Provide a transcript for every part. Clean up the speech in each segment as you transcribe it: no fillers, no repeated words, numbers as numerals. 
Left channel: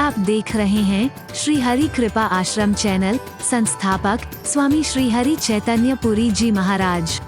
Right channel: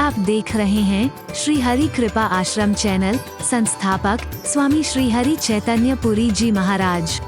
आप देख रहे हैं श्री हरि कृपा आश्रम चैनल। संस्थापक स्वामी श्री हरि चैतन्य पुरी जी महाराज।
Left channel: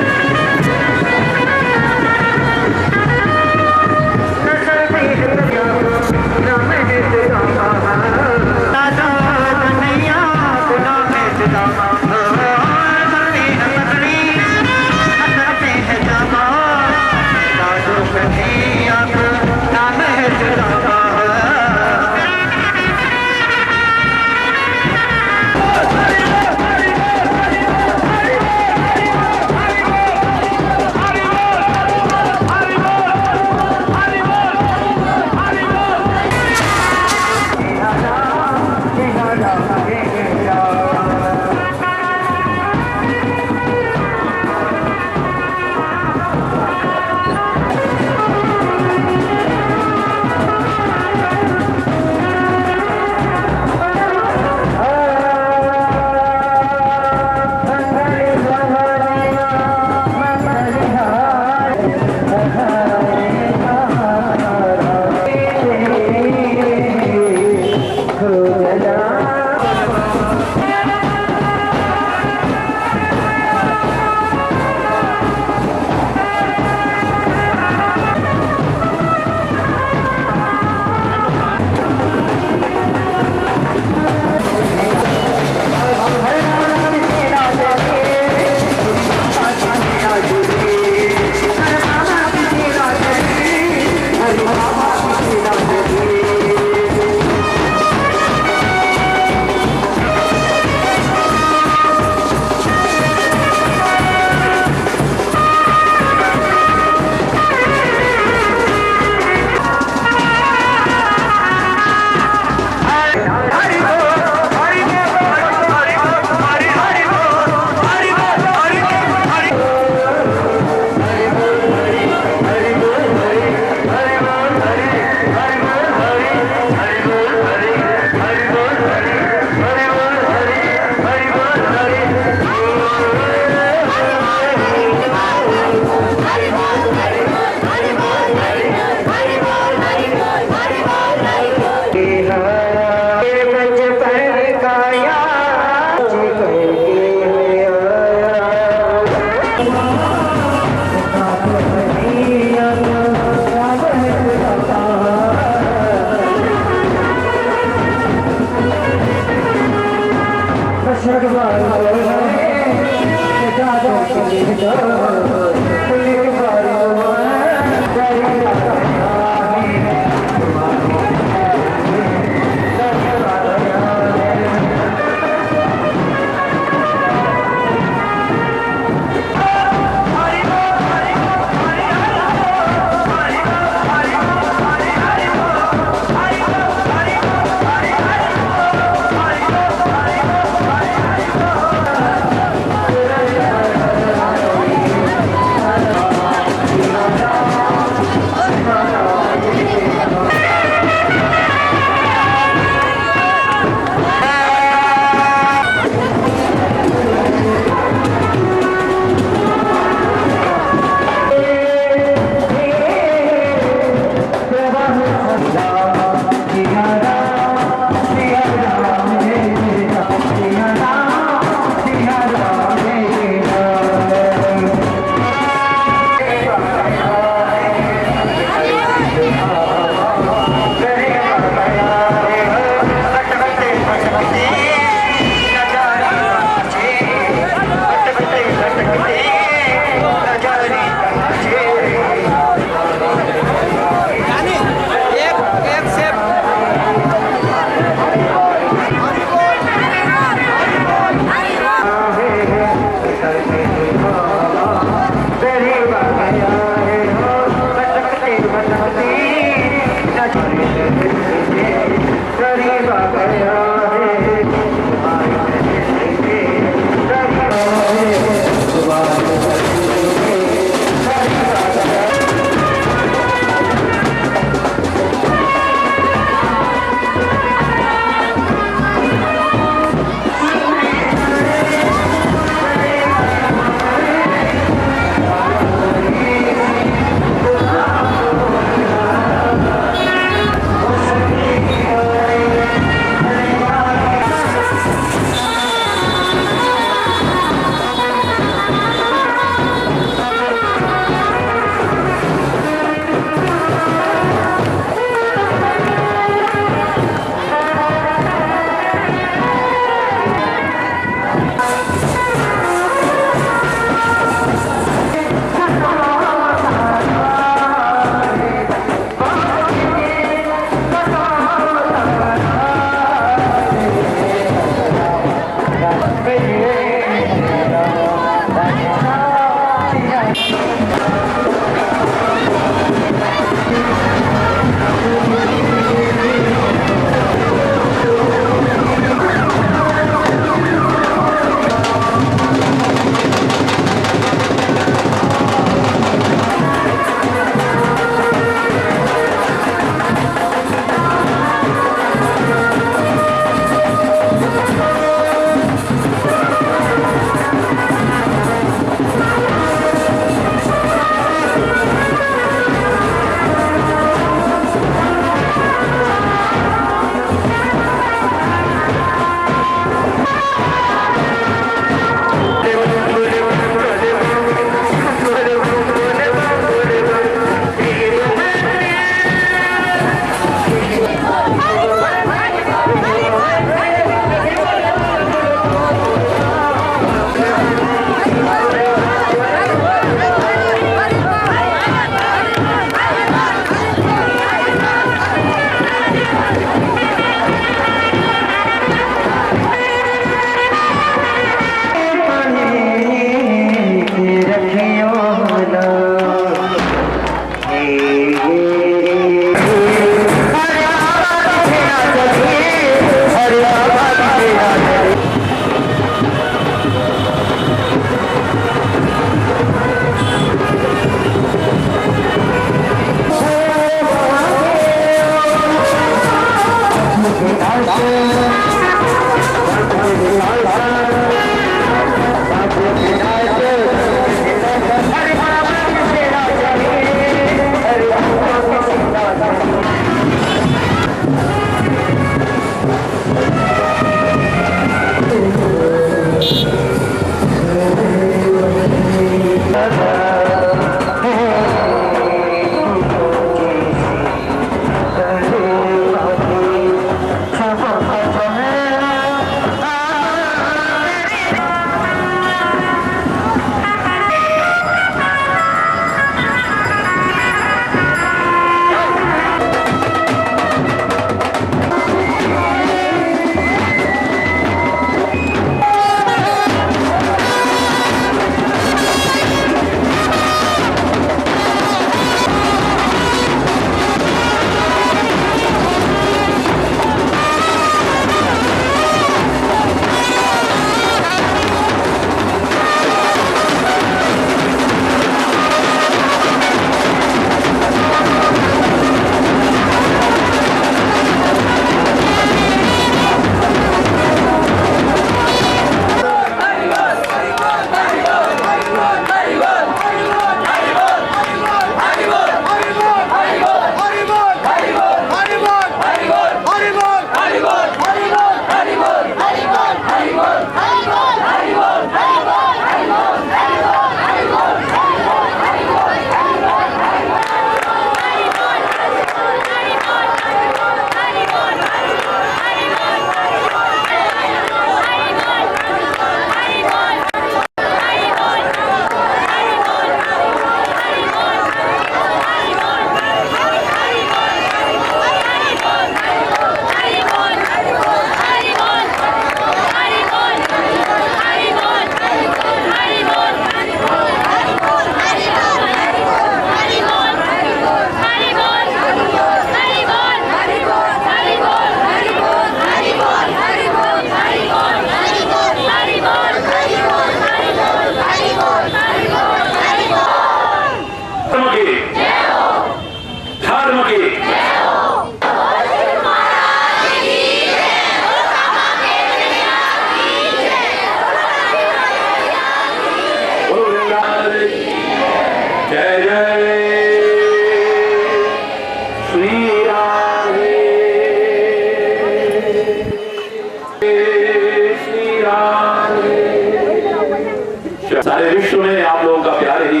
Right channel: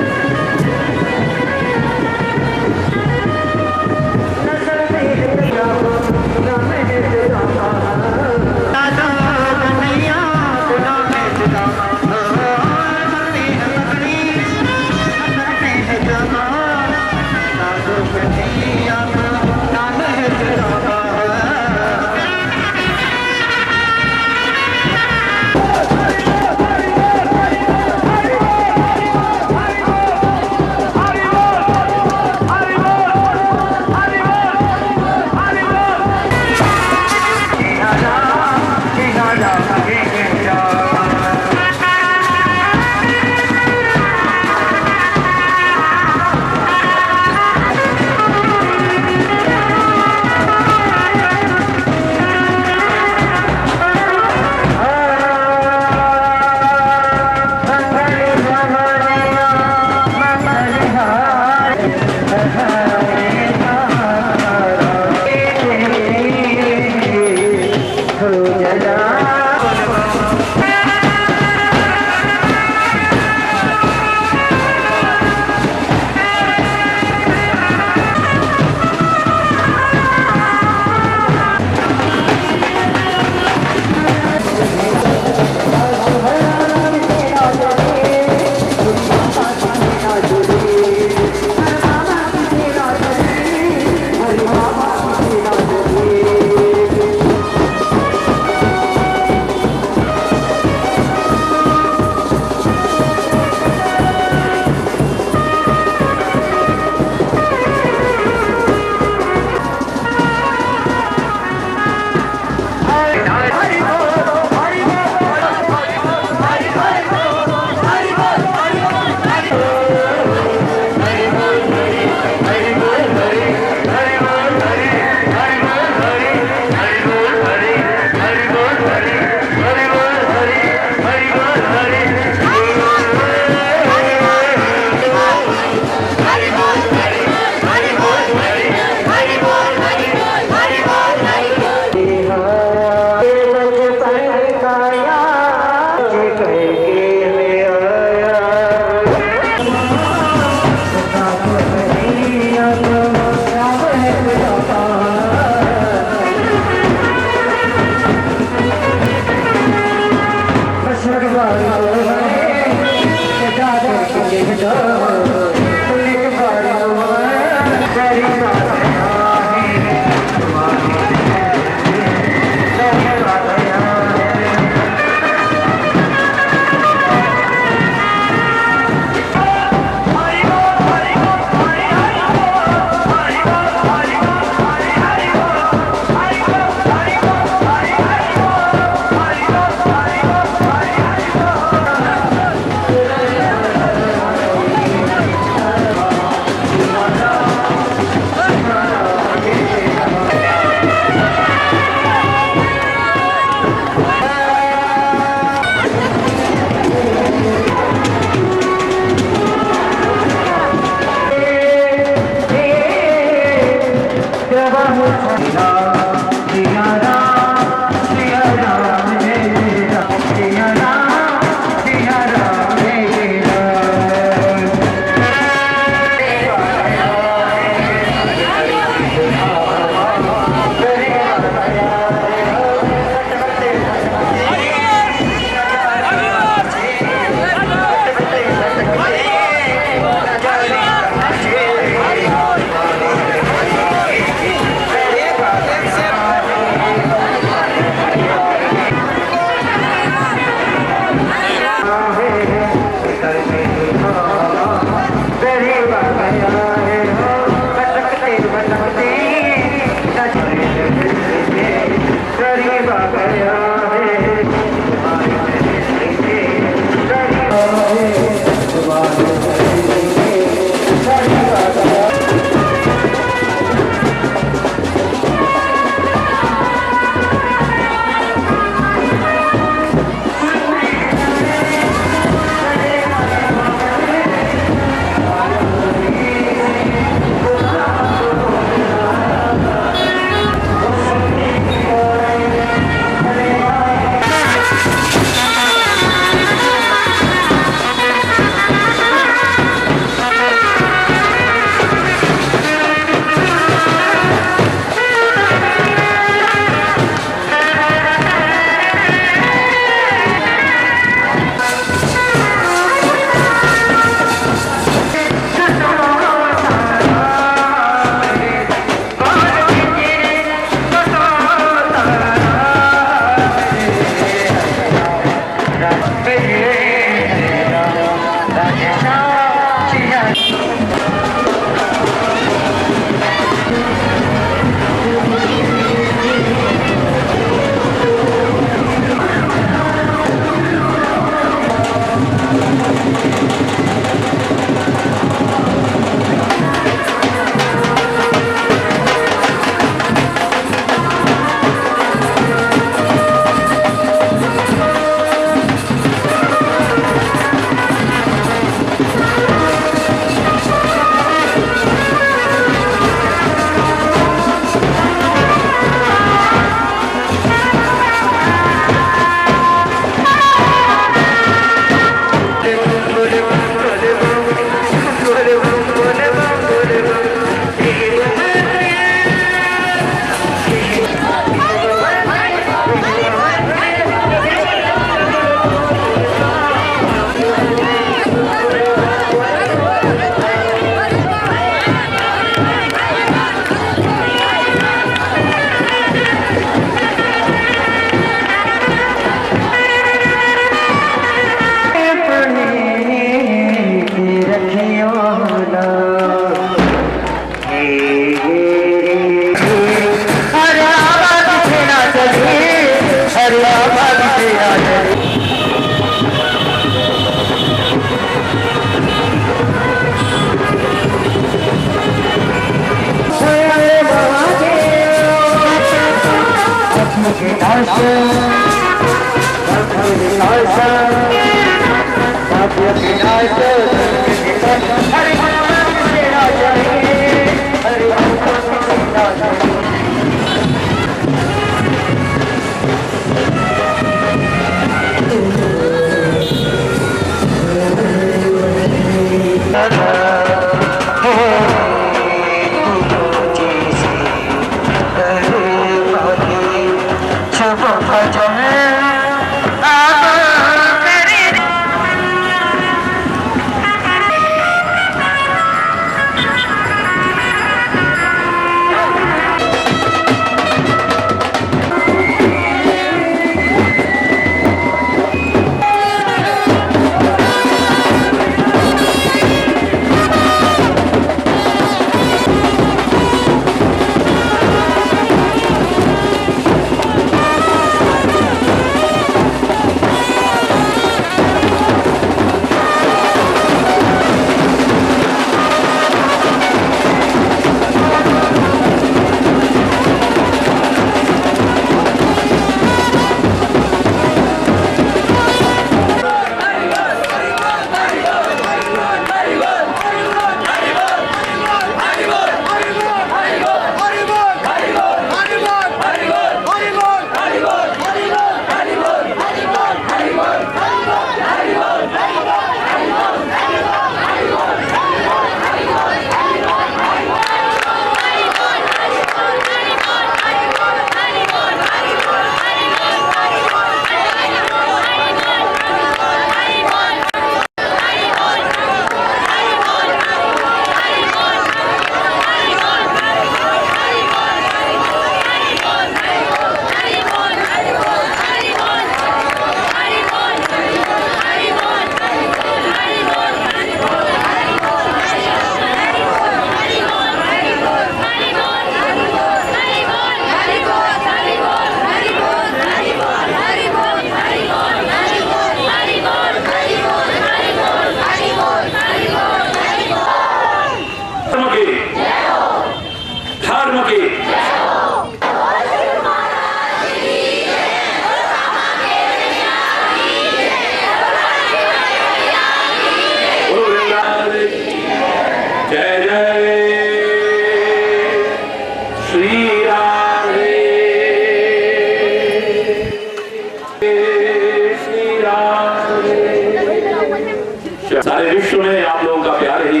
सारे विश्व में आप लोगों का प्यार ही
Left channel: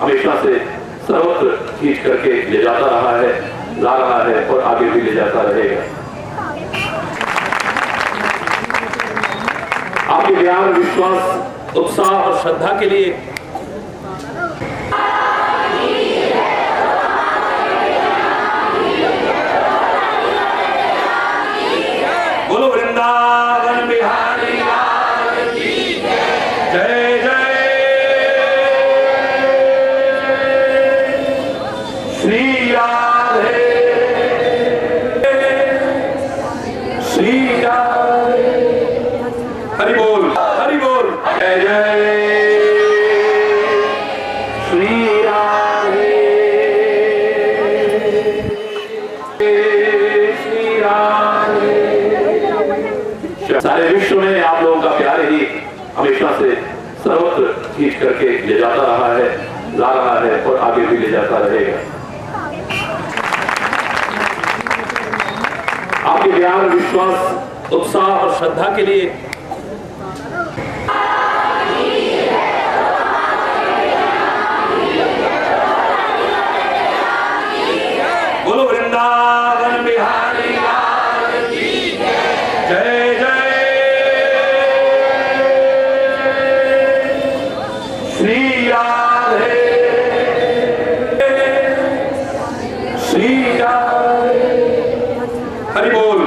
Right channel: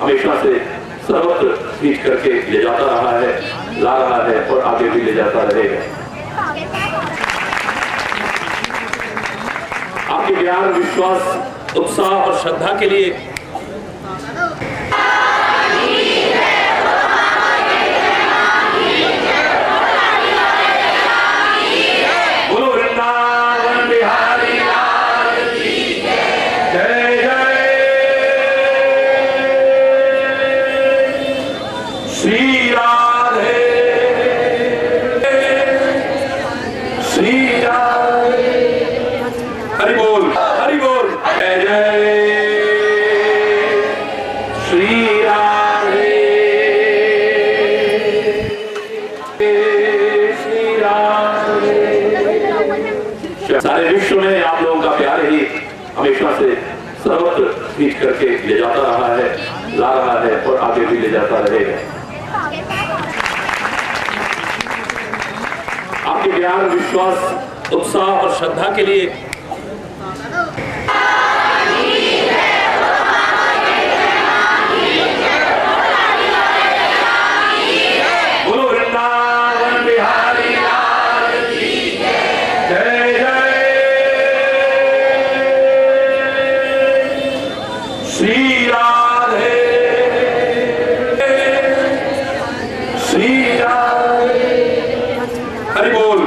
हमेशा से सर्वत्र खींच करके ले जाता रहा है, ला रहा है और आगे भी ले जाता रहेगा। आपके ज्ञान, विश्वास, उत्साह और श्रद्धा के लिए बोलो वृंदावन बिहारी लाल की जय जय श्री राधे श्री राधे। हरि बोल जय जय श्री राधे श्री राधे। सारे विश्व में आप लोगों का प्यार ही हमेशा से सर्वत्र खींच करके ले जाता रहा है, ला रहा है और आगे भी ले जाता रहेगा। आपके ज्ञान, विश्वास, उत्साह और श्रद्धा के लिए बोलो वृंदावन बिहारी लाल की जय जय श्री राधे श्री राधे। हरि बोल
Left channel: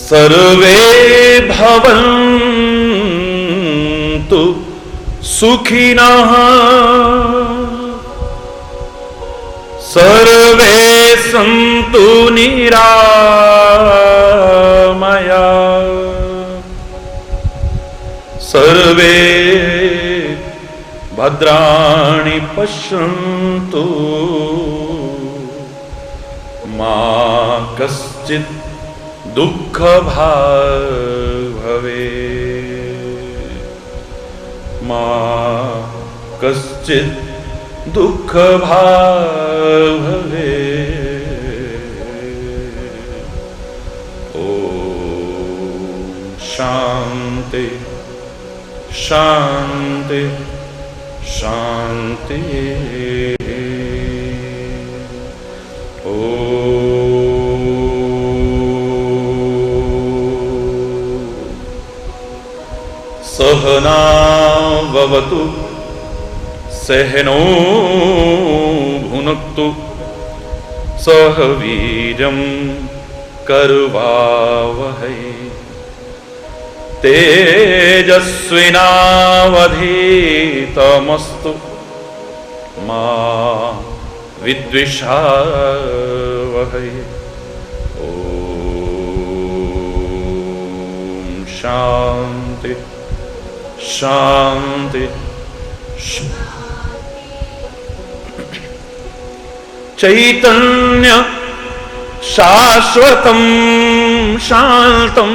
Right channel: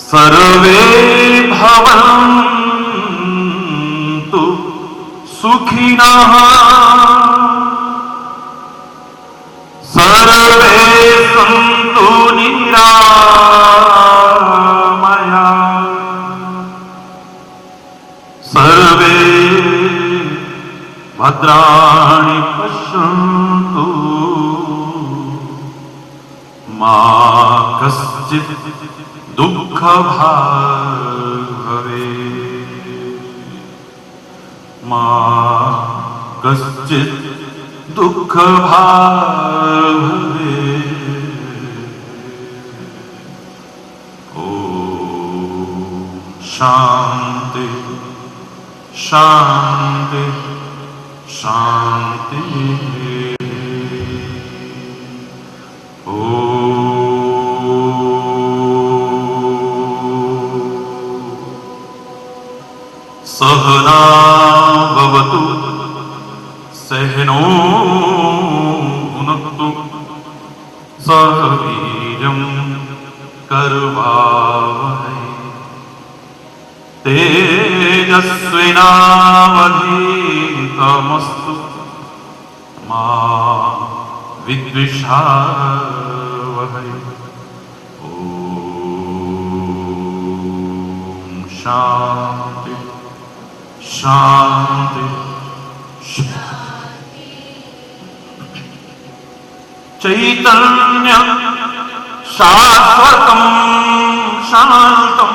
सर्वे भवन्तु सुखिनः सर्वे सन्तु निरामया सर्वे भद्राणि पश्यन्तु मा कश्चित् दुःखभाग् भवेत् मा कश्चित् दुःखभाग् भवेत्। ॐ शान्ति शान्ति शान्ति। सहना भवतु सहनो भुनक्तु सह वीर्यं करवावहै तेजस्विनावधीतमस्तु मा विद्विषावहै। ॐ शान्ति शान्ति चैतन्य शाश्वतं शान्तं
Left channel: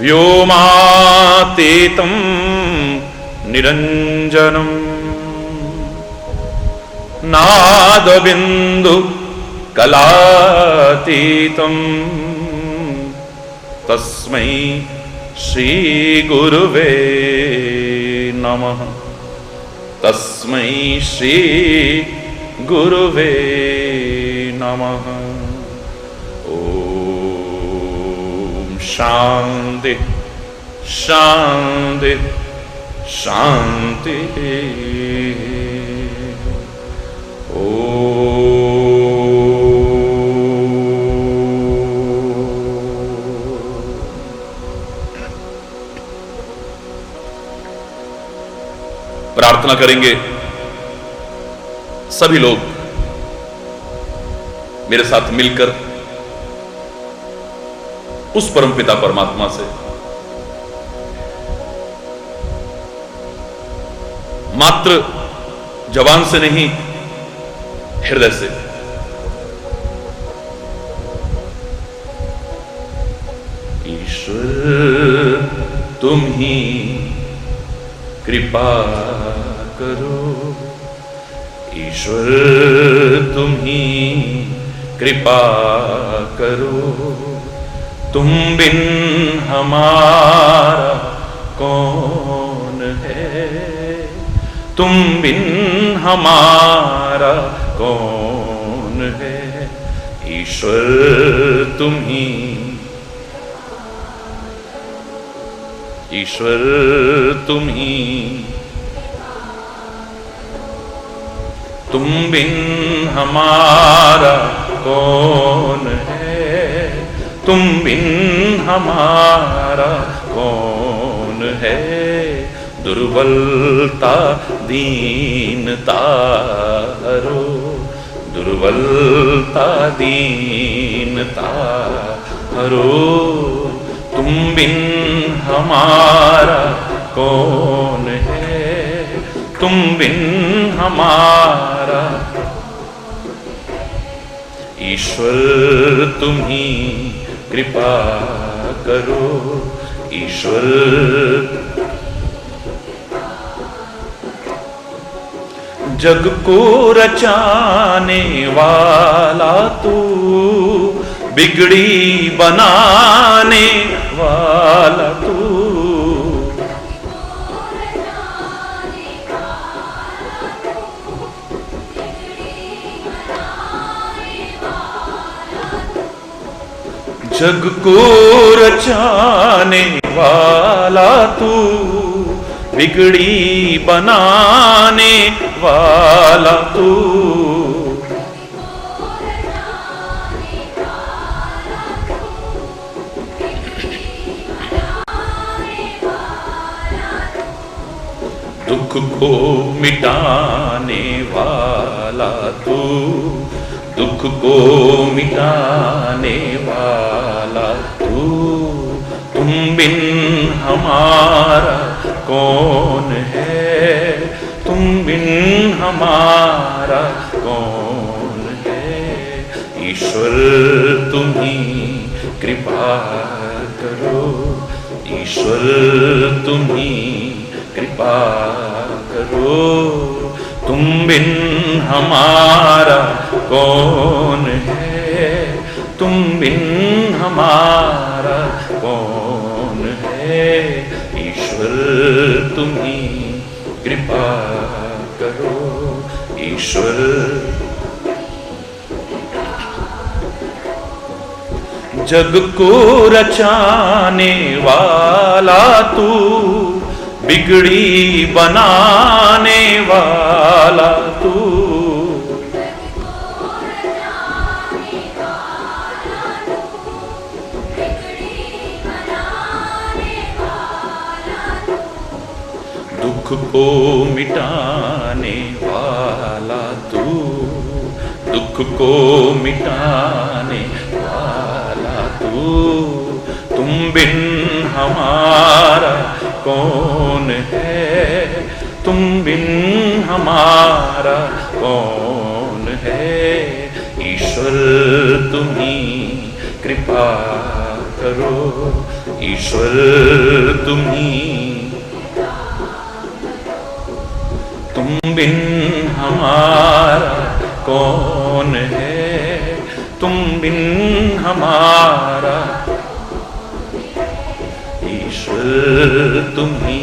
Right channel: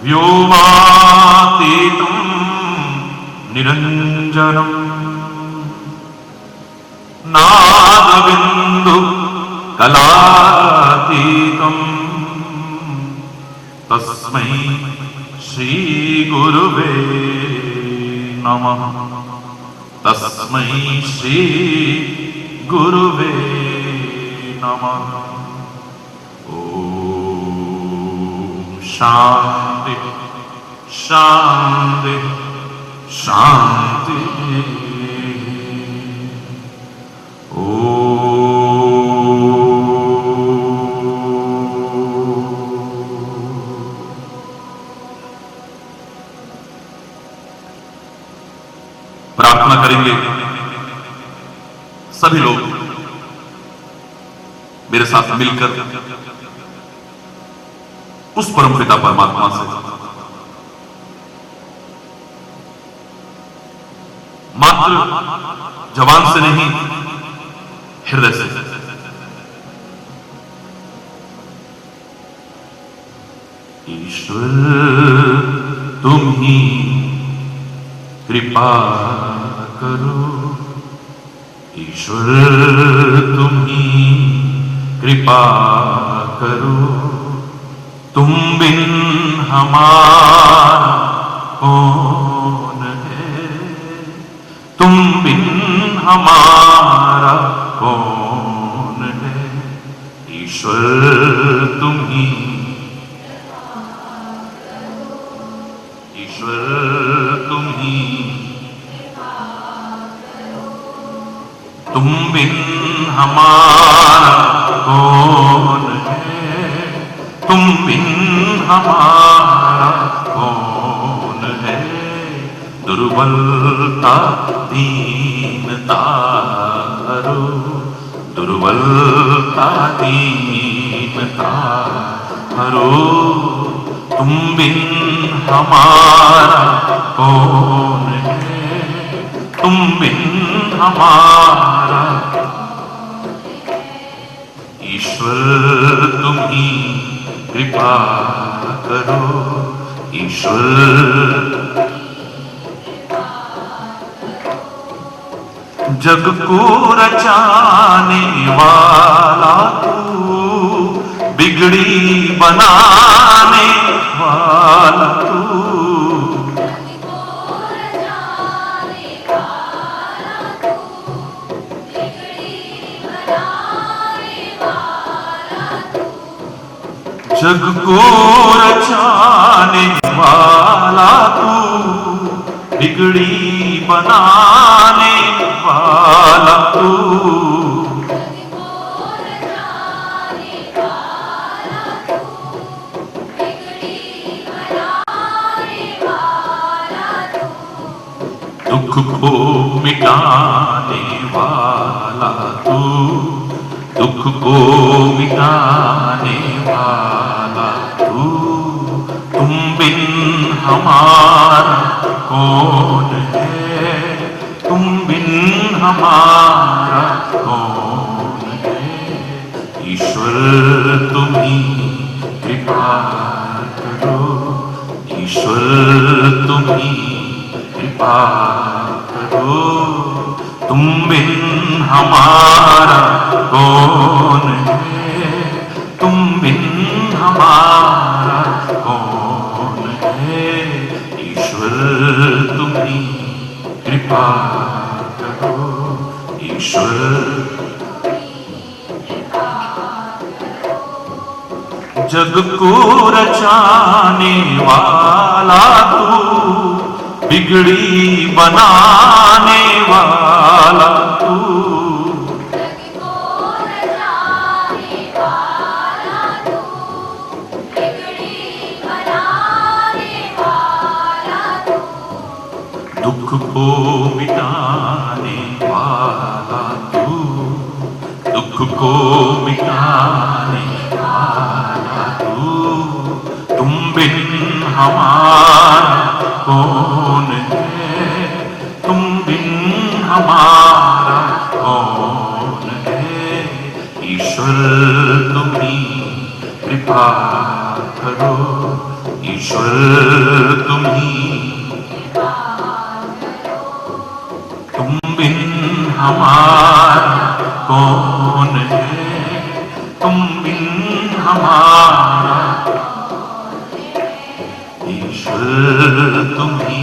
व्योमातीतं निरञ्जनं नादबिन्दु कलातीतं तस्मै श्री गुरुवे नमः तस्मै श्री गुरुवे नमः। ॐ शान्ति शान्ति शान्ति। प्रार्थना करेंगे सभी लोग मेरे साथ मिलकर उस परमपिता परमात्मा से मात्र जबान से नहीं, हृदय से ईश्वर तुम ही कृपा करो, ईश्वर तुम ही कृपा करो, तुम बिन हमारा कौन है, तुम बिन हमारा कौन है। ईश्वर तुम ही, ईश्वर तुम ही, तुम बिन हमारा कौन है, तुम बिन हमारा कौन है। दुर्बलता दीनता हरो, दुर्बलता दीनता हरो, तुम बिन हमारा कौन है, तुम बिन हमारा। ईश्वर तुम ही कृपा करो, ईश्वर जग को रचाने वाला तू, बिगड़ी बनाने वाला तू, जग को रचाने वाला तू, बिगड़ी बनाने वाला तू। दुख को मिटाने वाला तू, दुख को मिटाने वाला तू, तुम बिन हमारा कौन है, तुम बिन हमारा कौन है। ईश्वर तुम्ही कृपा करो, ईश्वर तुम्ही कृपा करो, तुम बिन हमारा कौन है, तुम बिन हमारा कौन है। ईश्वर तुम्ही कृपा करो, ईश्वर। जग को रचाने वाला तू, बिगड़ी बनाने वाला तू, दुख को मिटाने वाला तू, दुख को मिटाने वाला तू, तुम बिन हमारा कौन है, तुम बिन हमारा कौन है। ईश्वर तुम्ही कृपा करो, ईश्वर तुम्ही, तुम बिन हमारा कौन है, तुम बिन हमारा। ईश्वर तुम्ही,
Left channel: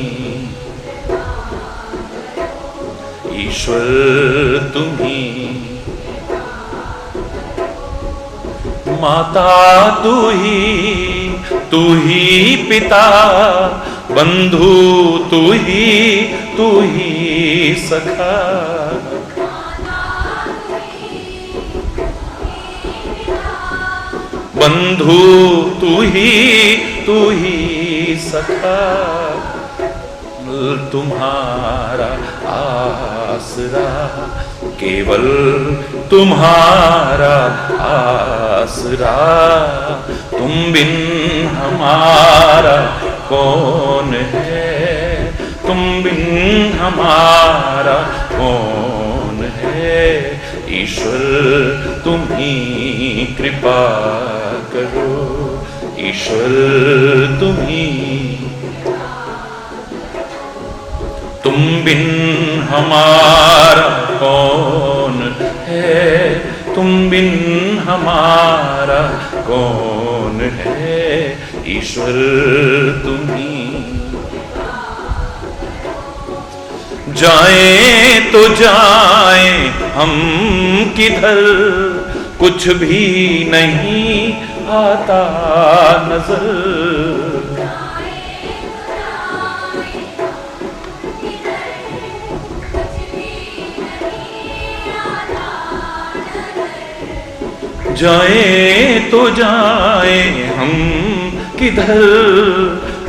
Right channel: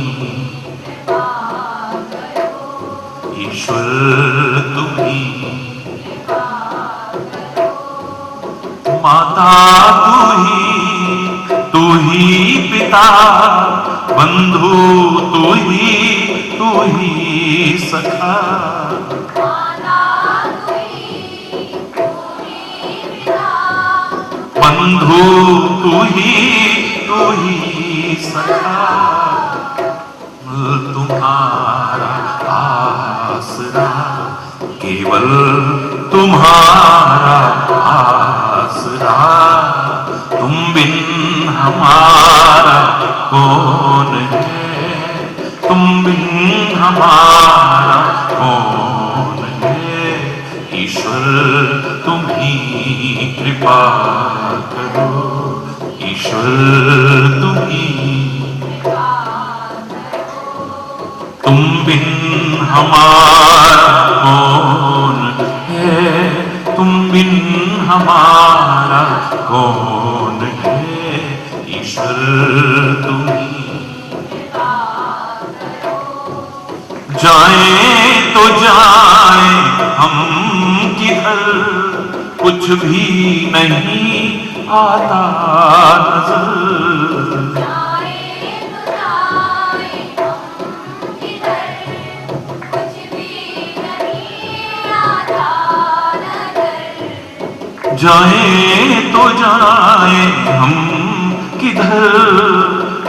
ईश्वर तुम्ही, माता तू ही पिता, बंधु तू ही सखा, बंधु तू ही सखा, तुम्हारा आसरा, केवल तुम्हारा आसरा, तुम बिन हमारा कौन है, तुम बिन हमारा कौन है। ईश्वर तुम्ही कृपा करो, ईश्वर तुम्ही, तुम बिन हमारा कौन है, तुम बिन हमारा कौन है। ईश्वर तुम्ही, जाए तो जाए हम किधर, कुछ भी नहीं आता नजर, जाए तो जाए हम किधर,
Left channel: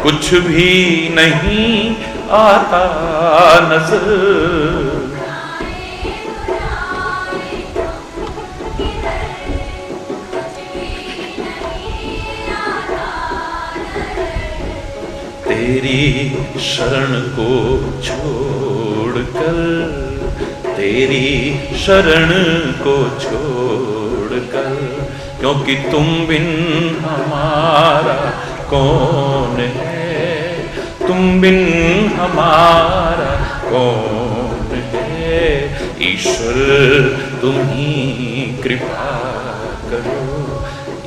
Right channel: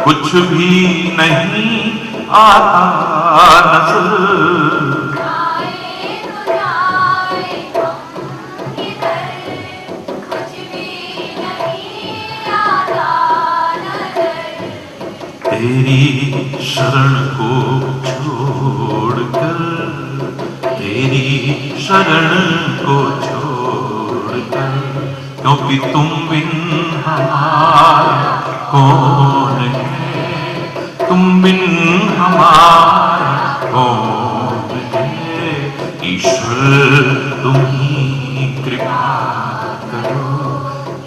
कुछ भी नहीं आता नजर, तेरी शरण को छोड़कर, तेरी शरण को छोड़कर, क्योंकि तुम बिन हमारा कौन है, तुम बिन हमारा कौन है। ईश्वर तुम्ही कृपा करो,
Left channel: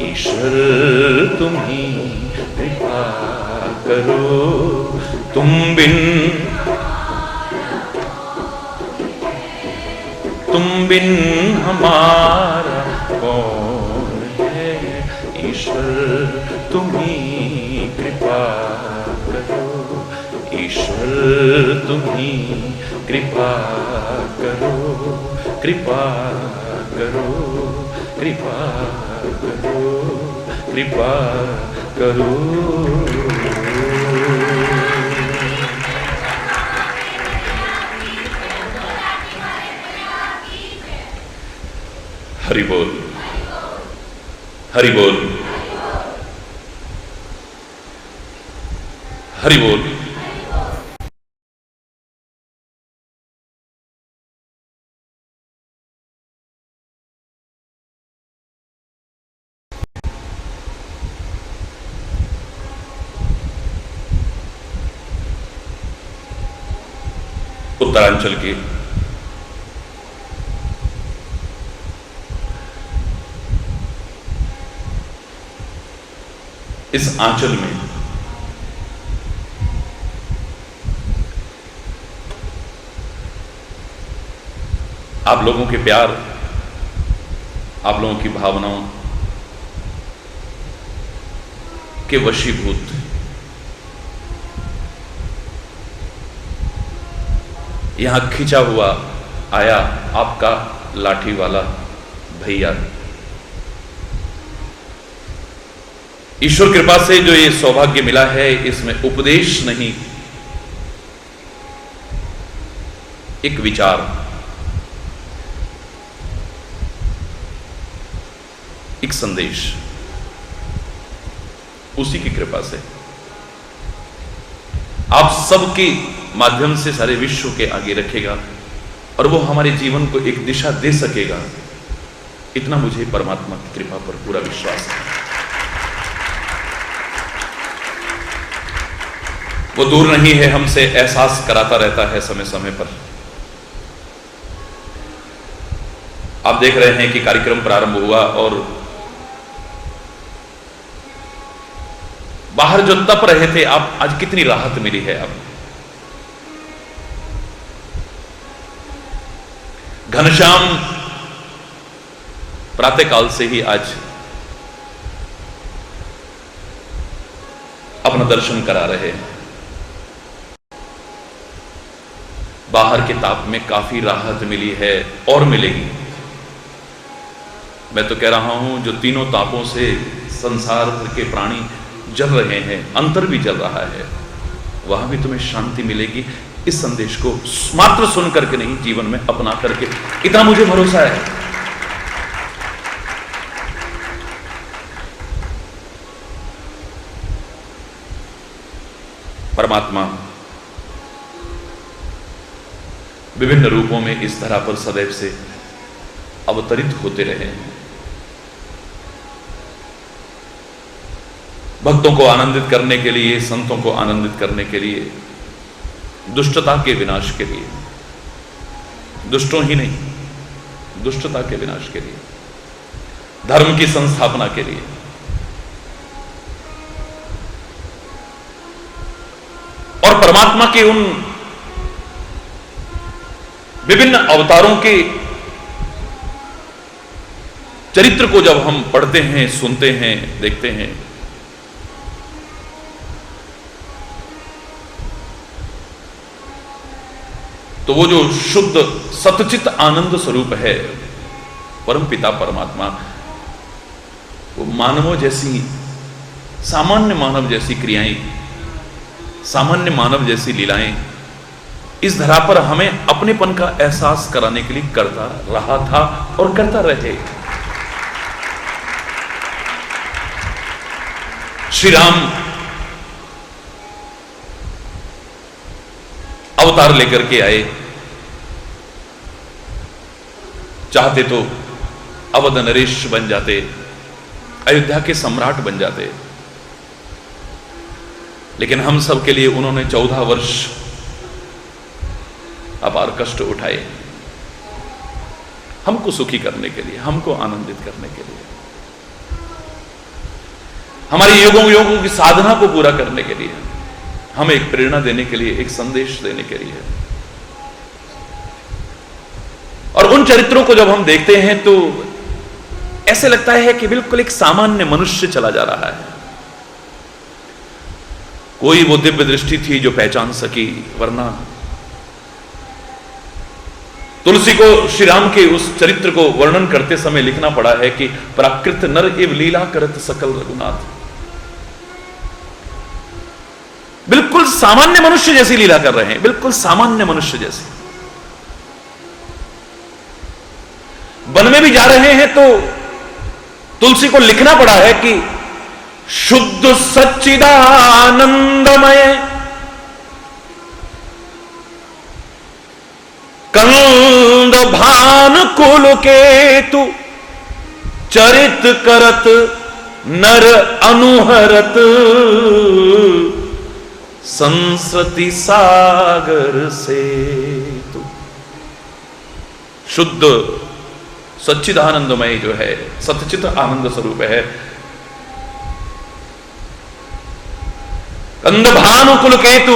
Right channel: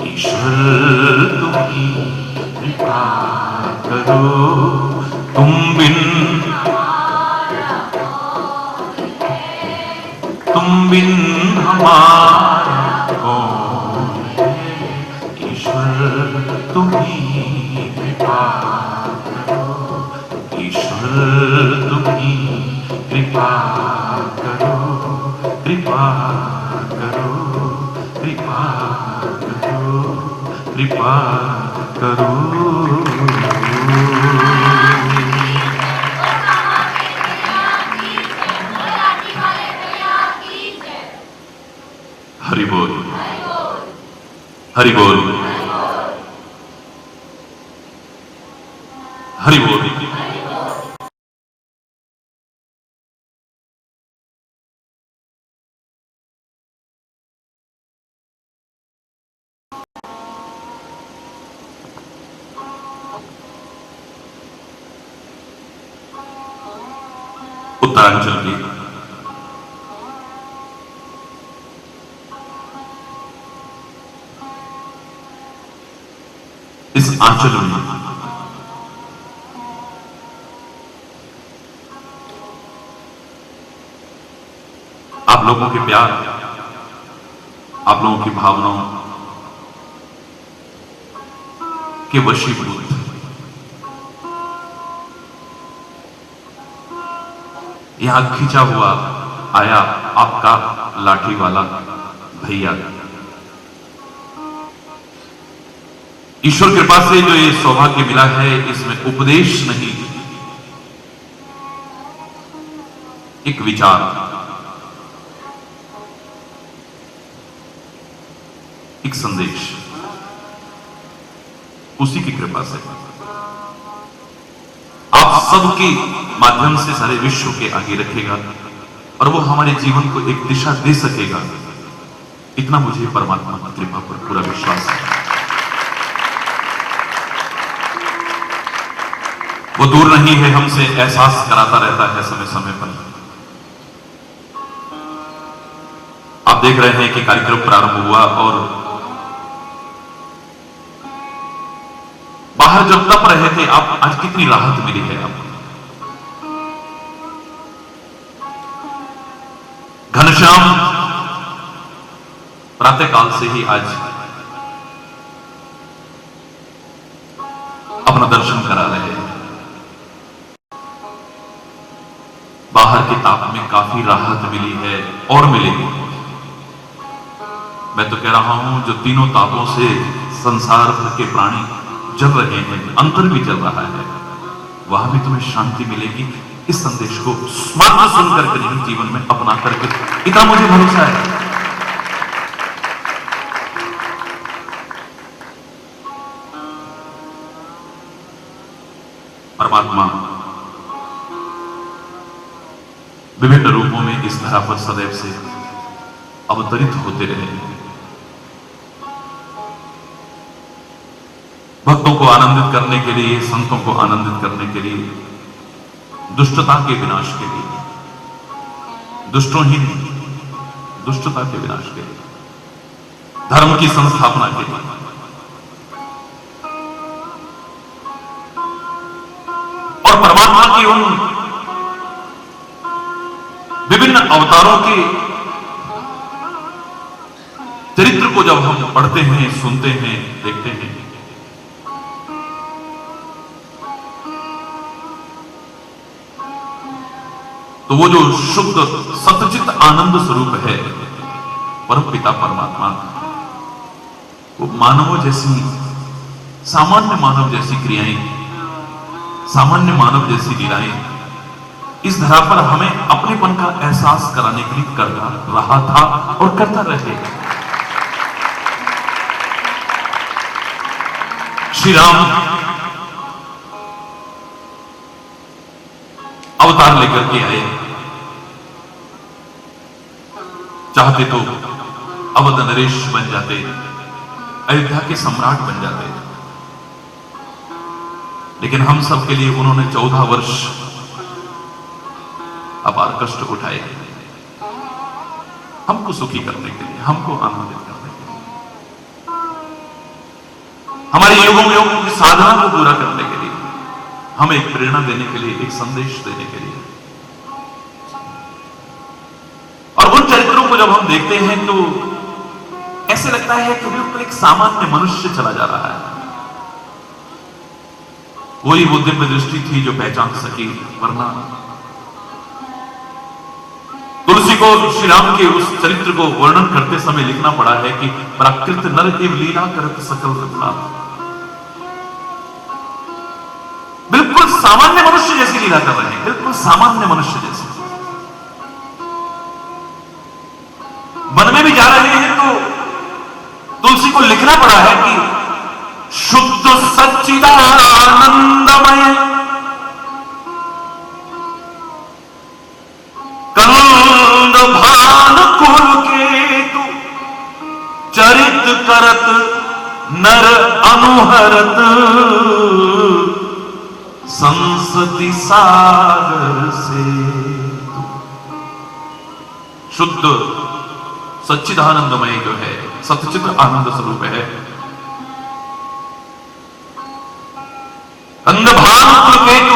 ईश्वर तुम्ही कृपा करो, तुम बिन हमारा कौन है। ईश्वर तुम्ही कृपा करो, ईश्वर तुम्ही कृपा करो, कृपा करो, कृपा करो, कृपा करो। हरि बोल, हरि बोल, हरि बोल। उत्तरांचल के इस आंचल में आप लोगों के प्यार, आप लोगों की भावनाओं के वशीभूत यहां खिंचा हुआ आया आपका लाठी वाला भैया। ईश्वर कृपा से जो ये सौभाग्य मिला है, इसमें उपदेश नहीं, एक विचार, एक संदेश, उसी की कृपा से आप सबके माध्यम से सारे विश्व के आगे रखेगा और वो हमारे जीवन को एक दिशा दे सकेगा, इतना मुझे परमात्मा की कृपा पर पूरा विश्वास है। वो दूर नहीं है, हमसे एहसास कराता रहता है समय समय पर। आप देख रहे हैं कि कार्यक्रम प्रारंभ हुआ और बाहर जो तप रहे थे, आप आज कितनी राहत मिली है आपको। घनश्याम प्रातःकाल से ही आज अपना दर्शन करा रहे हैं। बाहर के ताप में काफी राहत मिली है और मिलेगी। मैं तो कह रहा हूं, जो तीनों तापों से संसार भर के प्राणी जल रहे हैं, अंतर भी जल रहा है, वहां भी तुम्हें शांति मिलेगी। इस संदेश को मात्र सुन करके नहीं, जीवन में अपना करके, इतना मुझे भरोसा है। परमात्मा विभिन्न रूपों में इस धरा पर सदैव से अवतरित होते रहे, भक्तों को आनंदित करने के लिए, संतों को आनंदित करने के लिए, दुष्टता के विनाश के लिए, दुष्टों ही नहीं, दुष्टता के विनाश के लिए, धर्म की संस्थापना के लिए। और परमात्मा के उन विभिन्न अवतारों के चरित्र को जब हम पढ़ते हैं, सुनते हैं, देखते हैं, तो वो जो शुद्ध सतचित आनंद स्वरूप है परम पिता परमात्मा, वो मानवों जैसी, सामान्य मानव जैसी क्रियाएं, सामान्य मानव जैसी लीलाएं इस धरा पर हमें अपनेपन का एहसास कराने के लिए करता रहा था और करता रहे। श्री राम अवतार लेकर के आए, चाहते तो अवध नरेश बन जाते, अयोध्या के सम्राट बन जाते, लेकिन हम सब के लिए उन्होंने 14 वर्ष अपार कष्ट उठाए, हमको सुखी करने के लिए, हमको आनंदित करने के लिए, हमारे योगों की साधना को पूरा करने के लिए, हमें एक प्रेरणा देने के लिए, एक संदेश देने के लिए। और उन चरित्रों को जब हम देखते हैं तो ऐसे लगता है कि बिल्कुल एक सामान्य मनुष्य चला जा रहा है। कोई वो दिव्य दृष्टि थी जो पहचान सकी, वरना तुलसी को श्री राम के उस चरित्र को वर्णन करते समय लिखना पड़ा है कि प्राकृत नर एव लीला करत सकल रघुनाथ। बिल्कुल सामान्य मनुष्य जैसी लीला कर रहे हैं, बिल्कुल सामान्य मनुष्य जैसी। वन में भी जा रहे हैं तो तुलसी को लिखना पड़ा है कि शुद्ध सच्चिदानंदमय कंद भान कुल केतु चरित करत नर अनुहरत संसति सागर से। शुद्ध सच्चिदानंदमय जो है, सच्चित आनंद स्वरूप है, कंदभानु कुल केतु,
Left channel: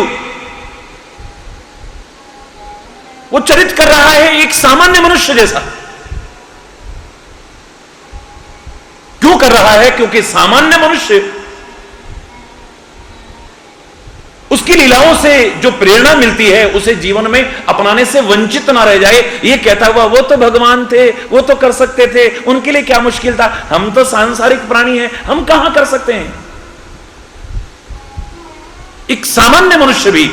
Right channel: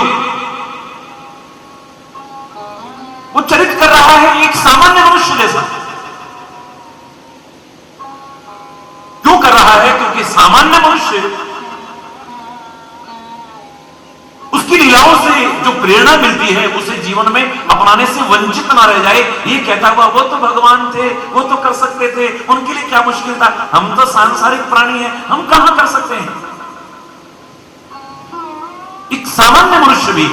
वो चरित कर रहा है एक सामान्य मनुष्य जैसा। क्यों कर रहा है? क्योंकि सामान्य मनुष्य उसकी लीलाओं से जो प्रेरणा मिलती है उसे जीवन में अपनाने से वंचित ना रह जाए। ये कहता हुआ वो तो भगवान थे, वो तो कर सकते थे, उनके लिए क्या मुश्किल था, हम तो सांसारिक प्राणी हैं, हम कहां कर सकते हैं। एक सामान्य मनुष्य भी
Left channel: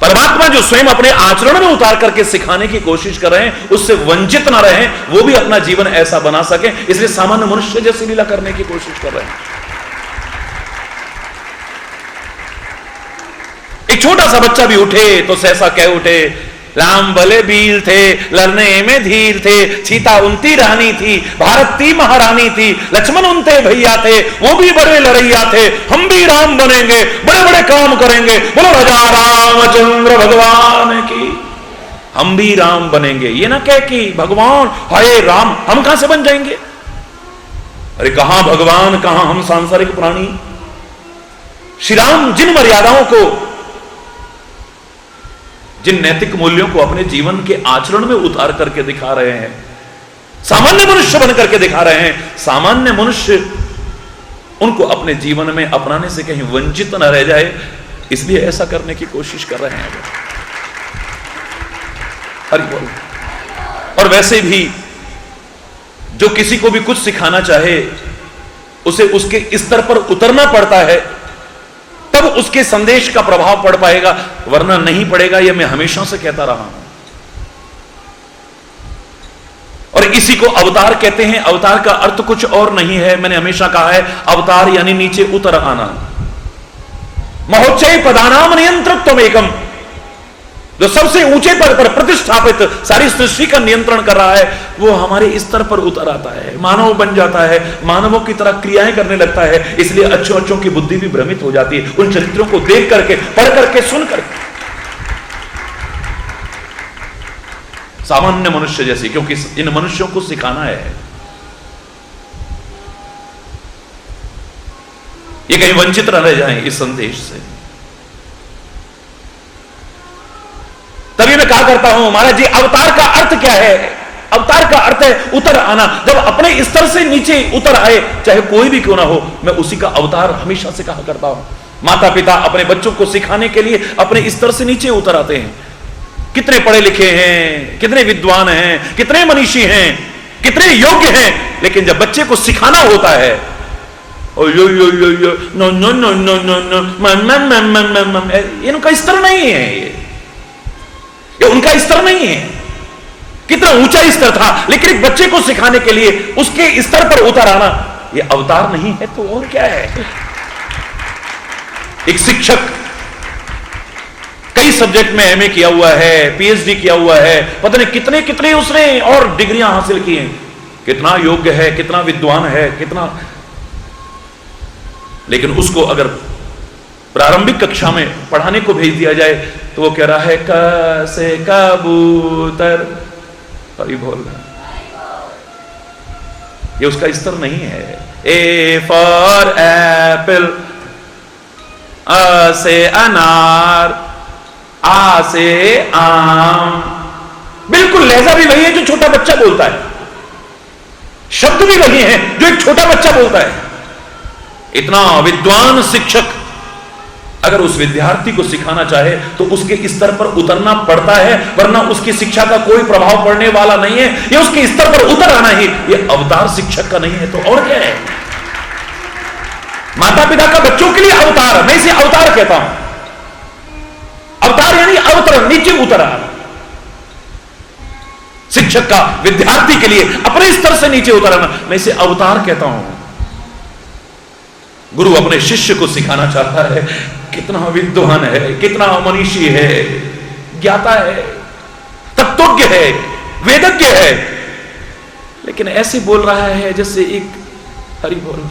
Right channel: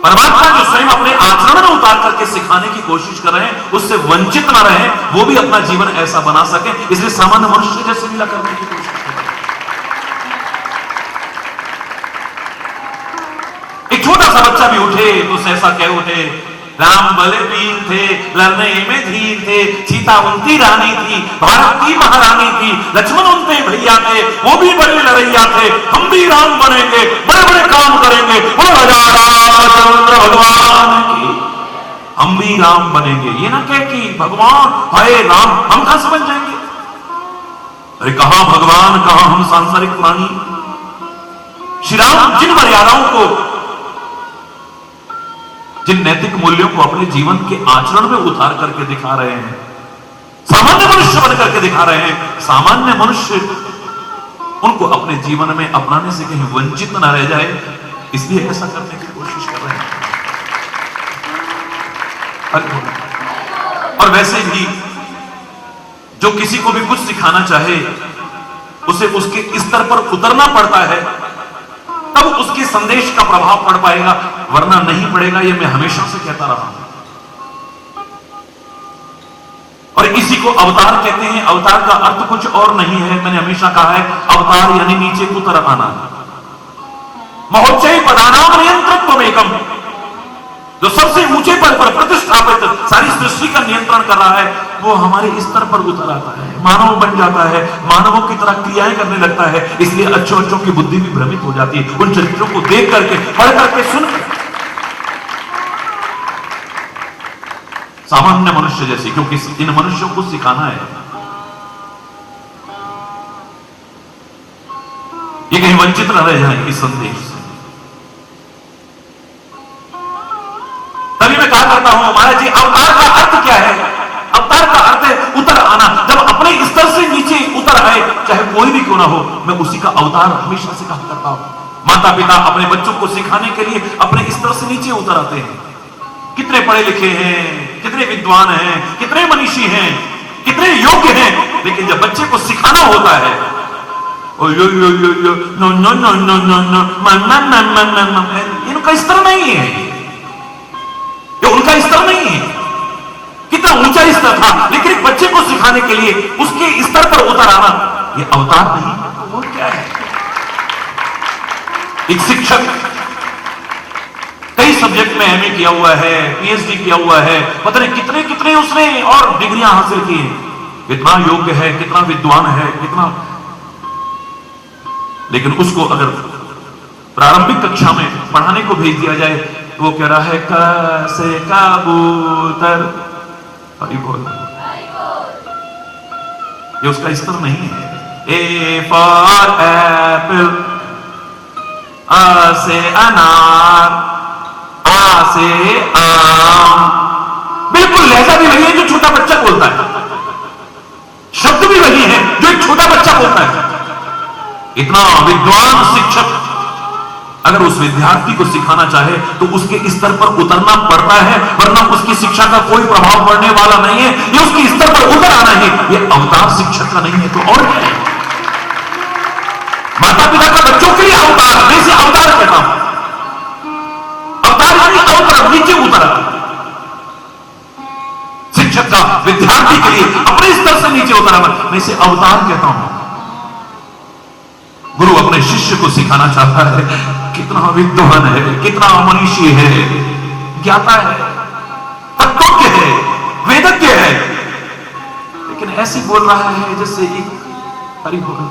परमात्मा जो स्वयं अपने आचरण में उतार करके सिखाने की कोशिश कर रहे हैं उससे वंचित ना रहे, वो भी अपना जीवन ऐसा बना सके, इसलिए सामान्य मनुष्य जैसी लीला करने की कोशिश कर रहे हैं। एक छोटा सा बच्चा भी उठे तो सहसा कह उठे, राम भले वीर थे, लड़ने में धीर थे, सीता उनती रानी थी, भारत की महारानी थी, लक्ष्मण उनते भैया थे, वो भी बड़े लड़ैया थे, हम भी राम बनेंगे, बड़े बड़े काम करेंगे, वो राजा रामचंद्र भगवान की, हम भी राम बनेंगे। ये ना कह कि भगवान हाय राम, हम कहां से बन जाएंगे। अरे कहां भगवान, कहां हम सांसारिक प्राणी। श्री राम जिन मर्यादाओं को, जिन नैतिक मूल्यों को अपने जीवन के आचरण में उतार करके दिखा रहे हैं, सामान्य मनुष्य बन करके दिखा रहे हैं, सामान्य मनुष्य उनको अपने जीवन में अपनाने से कहीं वंचित न रह जाए, इसलिए ऐसा करने की कोशिश कर रहे हैं। और वैसे भी जो किसी को भी कुछ सिखाना चाहे उसे उसके स्तर पर उतरना पड़ता है, तब उसके संदेश का प्रभाव पड़ पाएगा, वरना नहीं पड़ेगा। यह मैं हमेशा से कहता रहा हूं। और इसी को अवतार कहते हैं। अवतार का अर्थ कुछ और नहीं है, मैंने हमेशा कहा है, अवतार यानी नीचे उतर आना। महोच्चय पदानाम नियंत्रित्व एकम, जो सबसे ऊंचे पद पर प्रतिष्ठापित सारी सृष्टि का नियंत्रण कर रहा है, वो हमारे स्तर पर उतर आता है, मानव बन जाता है, मानवों की तरह क्रियाएं करने लगता है। इसलिए अच्छों की बुद्धि भी भ्रमित हो जाती है उन चरित्रों को देख करके, पढ़ करके, सुन करके। सामान्य मनुष्य जैसी, क्योंकि इन मनुष्यों को सिखाना है। ये कहीं वंचित न रह जाएं इस संदेश से। तभी मैं कहा करता हूं महाराज जी, अवतार का अर्थ क्या है? अवतार का अर्थ है उतर आना। जब अपने स्तर से नीचे उतर आए, चाहे कोई भी क्यों ना हो, मैं उसी का अवतार हमेशा से कहा करता हूं। माता पिता अपने बच्चों को सिखाने के लिए अपने स्तर से नीचे उतर आते हैं। कितने पढ़े लिखे हैं, कितने विद्वान हैं, कितने मनीषी हैं, कितने योग्य हैं, लेकिन जब बच्चे को सिखाना होता है, oh yo yo yo yo no no no no no no मन मन मन मन मन, इनका स्तर नहीं है, ये उनका स्तर नहीं है। कितना ऊंचा स्तर था, लेकिन एक बच्चे को सिखाने के लिए उसके स्तर पर उतर आना, ये अवतार नहीं है तो और क्या है। एक शिक्षक कई सब्जेक्ट में एमए किया हुआ है, पीएचडी किया हुआ है, पता नहीं कितने कितने उसने और डिग्रियां हासिल की हैं, कितना योग्य है, कितना विद्वान है, कितना, लेकिन उसको अगर प्रारंभिक कक्षा में पढ़ाने को भेज दिया जाए तो वो कह रहा है क से कबूतर, और बोल, ये उसका स्तर नहीं है। ए फॉर एप्पल, अ से अनार, आ से आम, बिल्कुल लहजा भी वही है जो छोटा बच्चा बोलता है, शब्द भी वही है जो एक छोटा बच्चा बोलता है। इतना विद्वान शिक्षक अगर उस विद्यार्थी को सिखाना चाहे तो उसके स्तर पर उतरना पड़ता है, वरना उसकी शिक्षा का कोई प्रभाव पड़ने वाला नहीं है। ये उसके स्तर पर उतर आना ही ये अवतार शिक्षक का नहीं है तो और क्या है। माता पिता का बच्चों के लिए अवतार, मैं इसे अवतार कहता हूं। अवतार यानी अवतरण, नीचे उतरा। शिक्षक का विद्यार्थी के लिए अपने स्तर से नीचे उतरना, मैं इसे अवतार कहता हूं। गुरु अपने शिष्य को सिखाना चाहता है, कितना विद्वान है, कितना मनीषी है, ज्ञाता है, तत्वज्ञ है, वेदज्ञ है, लेकिन ऐसे बोल रहा है जैसे एक हरि बोल,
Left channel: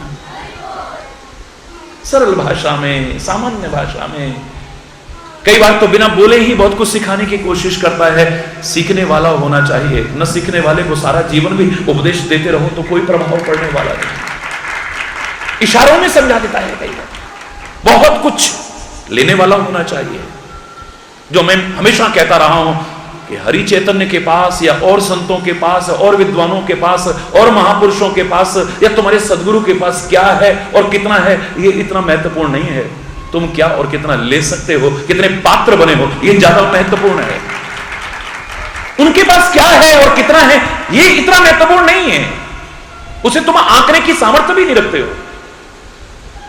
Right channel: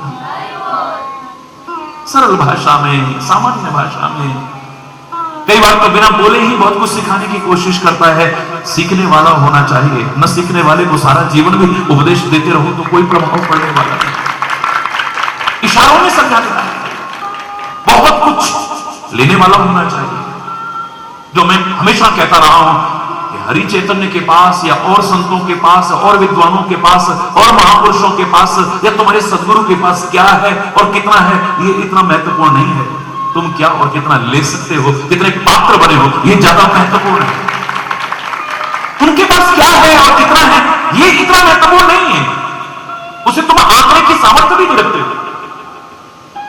सरल भाषा में, सामान्य भाषा में। कई बार तो बिना बोले ही बहुत कुछ सिखाने की कोशिश करता है। सीखने वाला होना चाहिए, न सीखने वाले को सारा जीवन भी उपदेश देते रहो तो कोई प्रभाव पड़ने वाला नहीं। इशारों में समझा देता है। बहुत कुछ लेने वाला होना चाहिए। जो मैं हमेशा कहता रहा हूं कि हरि चैतन्य के पास या और संतों के पास और विद्वानों के पास और महापुरुषों के पास या तुम्हारे सदगुरु के पास क्या है और कितना है, ये इतना महत्वपूर्ण नहीं है। तुम क्या और कितना ले सकते हो, कितने पात्र बने हो, ये ज्यादा महत्वपूर्ण है। उनके पास क्या है और कितना है, ये इतना महत्वपूर्ण नहीं है। उसे तुम आंकने की सामर्थ्य भी नहीं रखते हो।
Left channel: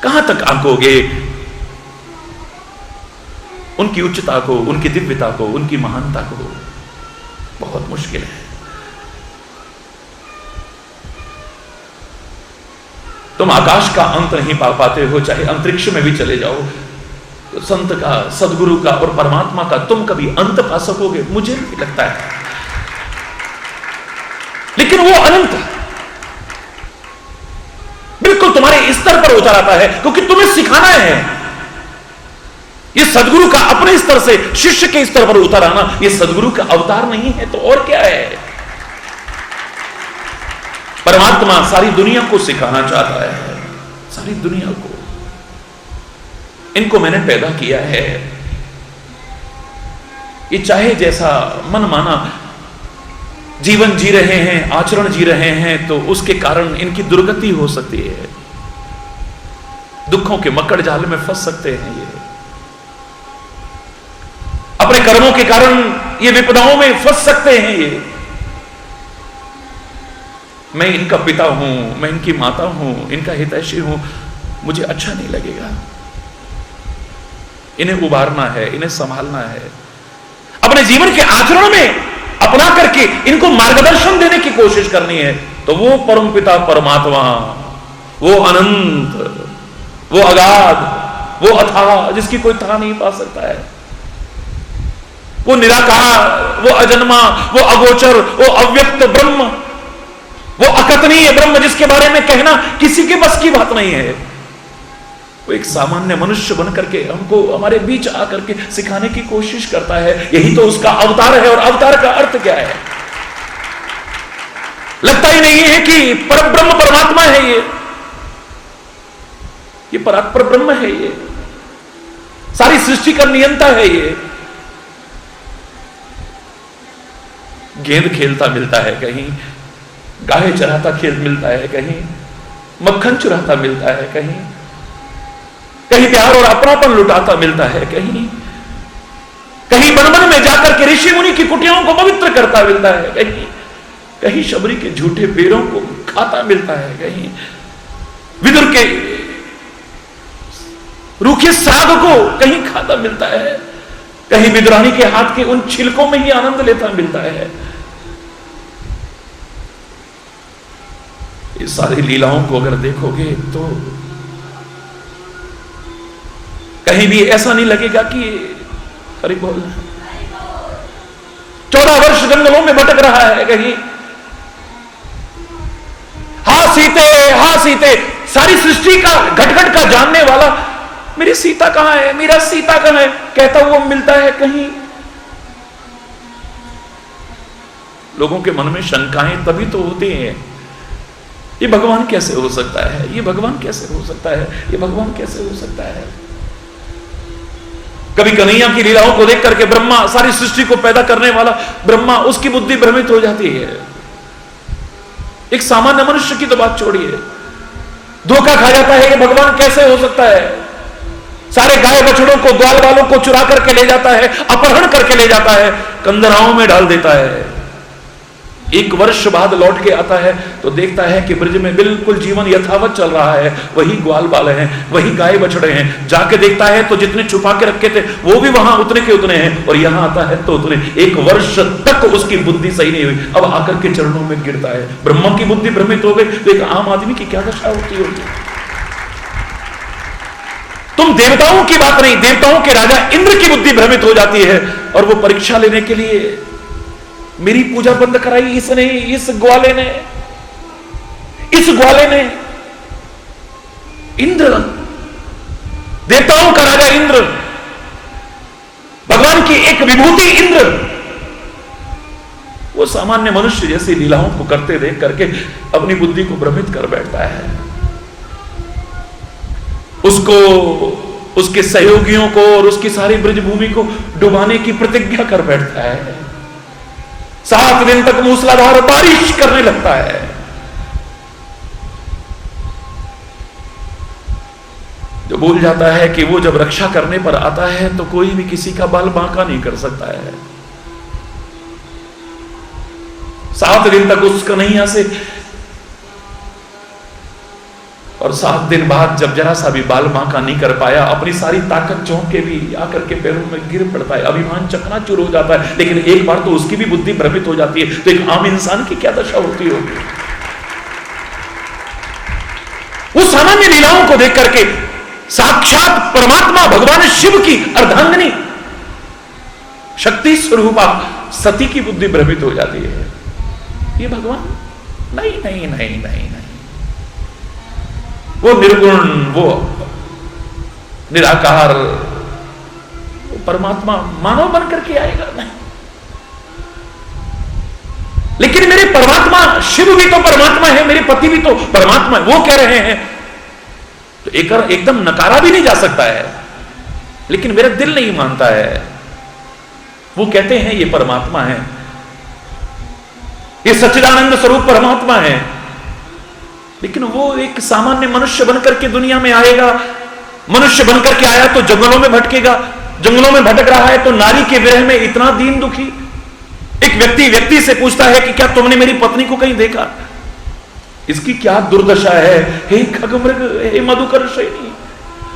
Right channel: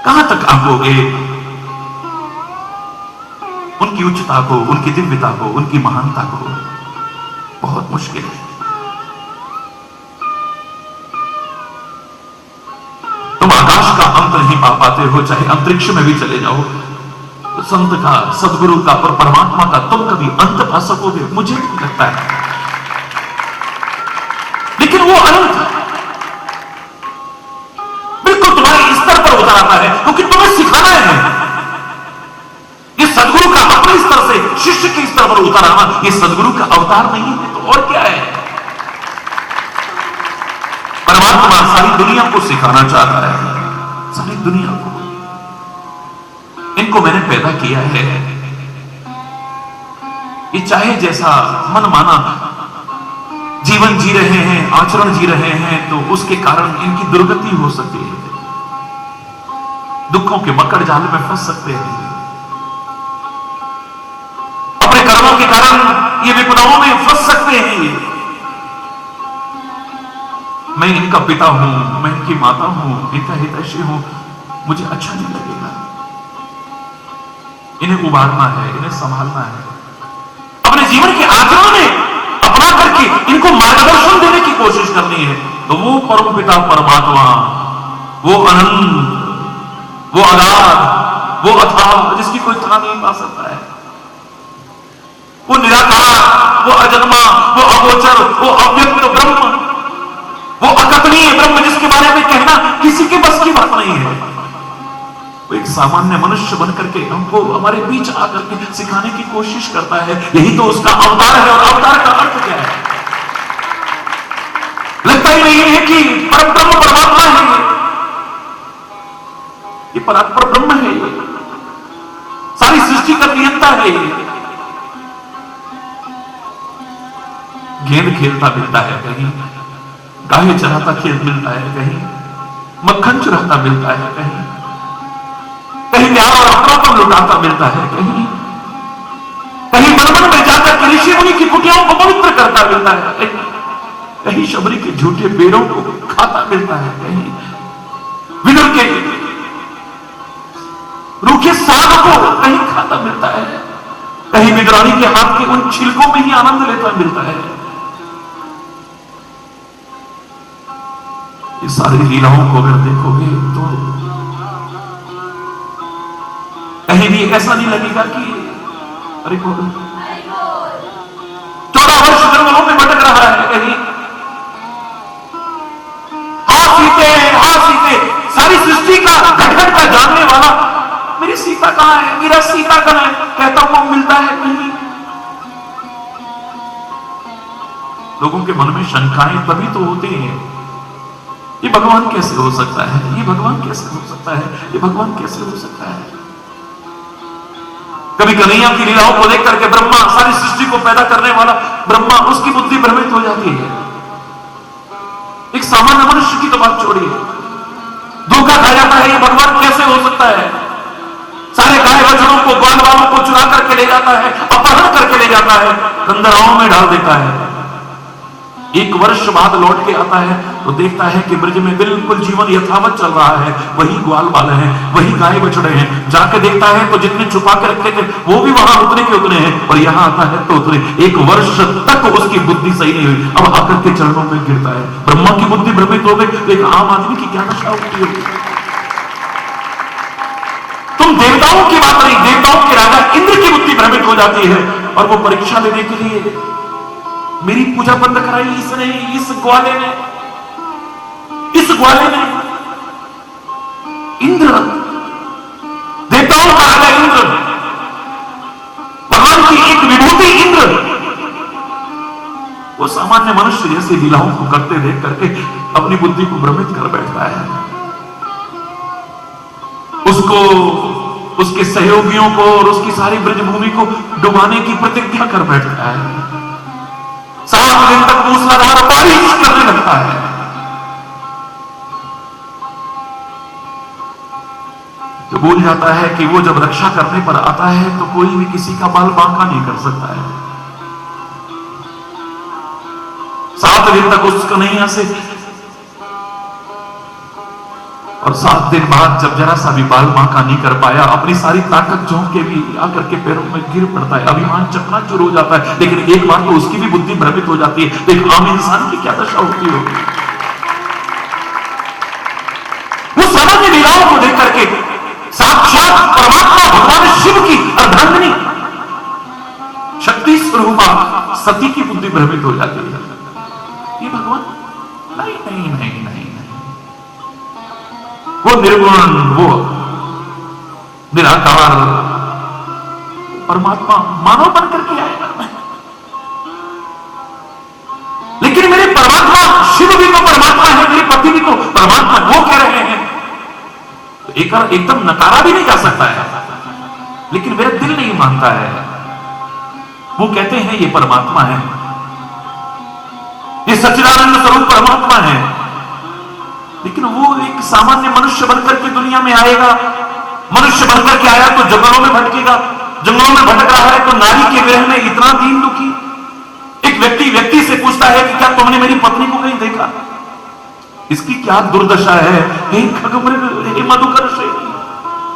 कहां तक आंकोगे उनकी उच्चता को, उनकी दिव्यता को, उनकी महानता को? बहुत मुश्किल है। तुम आकाश का अंत नहीं पा पाते हो, चाहे अंतरिक्ष में भी चले जाओ। तो संत का, सदगुरु का और परमात्मा का तुम कभी अंत पा सकोगे? मुझे नहीं लगता है। लेकिन वो अनंत बिल्कुल तुम्हारे स्तर पर उतर आता है, क्योंकि तुम्हें सिखाना है। ये सदगुरु का अपने स्तर से शिष्य के स्तर पर उतर आना, ये सदगुरु का अवतार नहीं है तो और क्या है? परमात्मा सारी दुनिया को सिखाना चाहता है, सारी दुनिया को। इनको मैंने पैदा किया है, ये चाहे जैसा मन माना जीवन जी रहे हैं, आचरण जी रहे हैं, तो उसके कारण इनकी दुर्गति हो सकती है। दुखों के मकड़ जाल में फंस सकते हैं। ये अपने कर्मों के कारण ये विपदाओं में फंस सकते हैं। ये मैं इनका पिता हूं, मैं इनकी माता हूं, इनका हितैषी हूं, मुझे अच्छा नहीं लगेगा। इन्हें उबारना है, इन्हें संभालना है, अपने जीवन के आचरण में अपना करके इनको मार्गदर्शन देने की कोशिश करनी है। तो वो परम पिता परमात्मा, वो अनंत, वो अगाध, वो अथाह, जिसकी कोई था नहीं पा सकता है, वो निराकार, वो अजन्मा, वो अगोचर, वो अव्यक्त ब्रह्म, वो अकथनीय ब्रह्म, जिसके बारे में कहना किसी के बस की बात नहीं है। वो एक सामान्य मनुष्य बनकर के हमको हमारे बीच आकर के सिखाने की कोशिश करता है। यही तो उसका अवतार है। और अवतार का अर्थ क्या है? लगता ही नहीं है कि परब्रह्म परमात्मा है ये परात्पर ब्रह्म है, ये सारी सृष्टि का नियंता है। ये गेंद खेलता मिलता है कहीं, गाय चराता खेल मिलता है कहीं, मक्खन चुराता मिलता है कहीं, कहीं प्यार और अपनापन लुटाता मिलता है कहीं, कहीं वन में जाकर के ऋषि मुनि की कुटियाओं को पवित्र करता मिलता है कहीं, कहीं शबरी के झूठे पेड़ों को खाता मिलता है कहीं, विदुर के रूखे साग को कहीं खाता मिलता है, कहीं विद्रानी के हाथ के उन छिलकों में ही आनंद लेता मिलता है। इस सारी लीलाओं को अगर देखोगे तो कहीं भी ऐसा नहीं लगेगा कि अरे बोल 14 वर्ष जंगलों में भटक रहा है कहीं, हा सीते, सारी सृष्टि का घट-घट का जानने वाला, मेरी सीता कहां है, मेरा सीता कहां है, कहता वो मिलता है कहीं। लोगों के मन में शंकाएं तभी तो होती हैं, ये भगवान कैसे हो सकता है, ये भगवान कैसे हो सकता है, ये भगवान कैसे हो सकता है। कभी कन्हैया की लीलाओं को देख करके ब्रह्मा, सारी सृष्टि को पैदा करने वाला ब्रह्मा, उसकी बुद्धि भ्रमित हो जाती है। एक सामान्य मनुष्य की तो बात छोड़िए, धोखा खा जाता है, ये भगवान कैसे हो सकता है। सारे गाय बछड़ों को, ग्वाल वालों को चुरा करके ले जाता है, अपहरण करके ले जाता है, कंदराओं में डाल देता है। 1 वर्ष बाद लौट के आता है तो देखता है कि ब्रज में बिल्कुल जीवन यथावत चल रहा है, वही ग्वाल बाले हैं, वही गाय बछड़े हैं। जाके देखता है तो जितने छुपा के रखे थे वो भी वहां उतने के उतने हैं, और यहां आता है तो उतने। 1 वर्ष तक उसकी बुद्धि सही नहीं हुई, अब आकर के चरणों में गिरता है। ब्रह्मा की बुद्धि भ्रमित हो गई तो एक आम आदमी की क्या दशा होती होगी। तुम देवताओं की बात नहीं, देवताओं के राजा इंद्र की बुद्धि भ्रमित हो जाती है, और वो परीक्षा लेने के लिए मेरी पूजा बंद कराई इसने, इस ग्वाले ने, इंद्र, देवताओं का राजा इंद्र, भगवान की एक विभूति इंद्र, वो सामान्य मनुष्य जैसी लीलाओं को करते देख करके अपनी बुद्धि को भ्रमित कर बैठता है। उसको, उसके सहयोगियों को और उसकी सारी ब्रजभूमि को डुबाने की प्रतिज्ञा कर बैठता है। 7 दिन तक मूसलाधार बारिश करने लगता है। तो भूल जाता है कि वो जब रक्षा करने पर आता है तो कोई भी किसी का बाल बांका नहीं कर सकता है। 7 दिन तक उसका नहीं हंसे, और 7 दिन बाद जब जरा सा भी बाल बांका नहीं कर पाया, अपनी सारी ताकत झोंक के भी आकर के पैरों में गिर पड़ता है। अभिमान चकनाचूर हो जाता है। लेकिन एक बार तो उसकी भी बुद्धि भ्रमित हो जाती है, तो एक आम इंसान की क्या दशा होती होगी। वो सामान्य लीलाओं को देख करके साक्षात परमात्मा भगवान शिव की अर्धांगिनी शक्ति स्वरूपा सती की बुद्धि भ्रमित हो जाती है। ये भगवान नहीं नहीं नहीं नहीं नहीं, वो निर्गुण, वो निराकार परमात्मा मानव बन करके आएगा नहीं। लेकिन मेरे परमात्मा शिव भी तो परमात्मा है, मेरे पति भी तो परमात्मा, वो कह रहे हैं तो एकदम नकारा भी नहीं जा सकता है। लेकिन मेरा दिल नहीं मानता है। वो कहते हैं ये परमात्मा है, ये सच्चिदानंद स्वरूप परमात्मा है, लेकिन वो एक सामान्य मनुष्य बनकर के दुनिया में आएगा। मनुष्य बनकर के आया तो जंगलों में भटकेगा, जंगलों में भटक रहा है तो नारी के विरह में इतना दीन दुखी। एक व्यक्ति से पूछता है कि क्या तुमने मेरी पत्नी को कहीं देखा? इसकी क्या दुर्दशा है। हे खगमृग, हे मधुकर श्रेणी,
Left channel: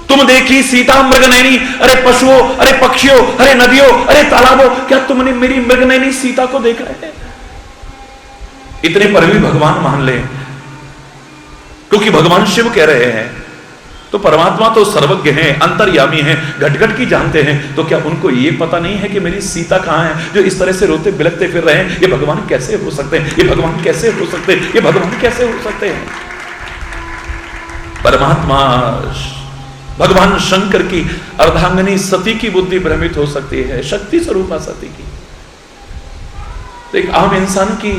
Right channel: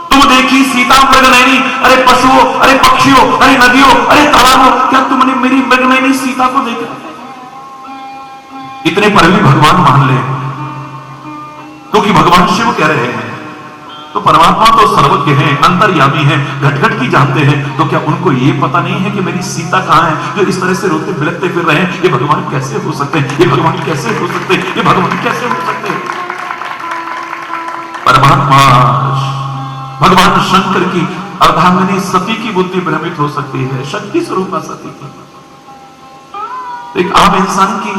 तुम देखी सीता मृगनयनी, अरे पशुओं, अरे पक्षियों, अरे नदियों, अरे तालाबों, क्या तुमने मेरी मृगनयनी सीता को देखा है? इतने पर भी भगवान मान ले, क्योंकि भगवान शिव कह रहे हैं। तो परमात्मा तो सर्वज्ञ हैं, अंतर्यामी हैं, घट घट की जानते हैं। तो क्या उनको ये पता नहीं है कि मेरी सीता कहां है, जो इस तरह से रोते बिलखते फिर रहे हैं? ये भगवान कैसे हो सकते हैं? ये भगवान कैसे हो सकते हैं? ये भगवान कैसे हो सकते हैं? परमात्मा भगवान शंकर की अर्धांगिनी सती की बुद्धि भ्रमित हो सकती है, शक्ति स्वरूपा सती की। तो एक आम इंसान की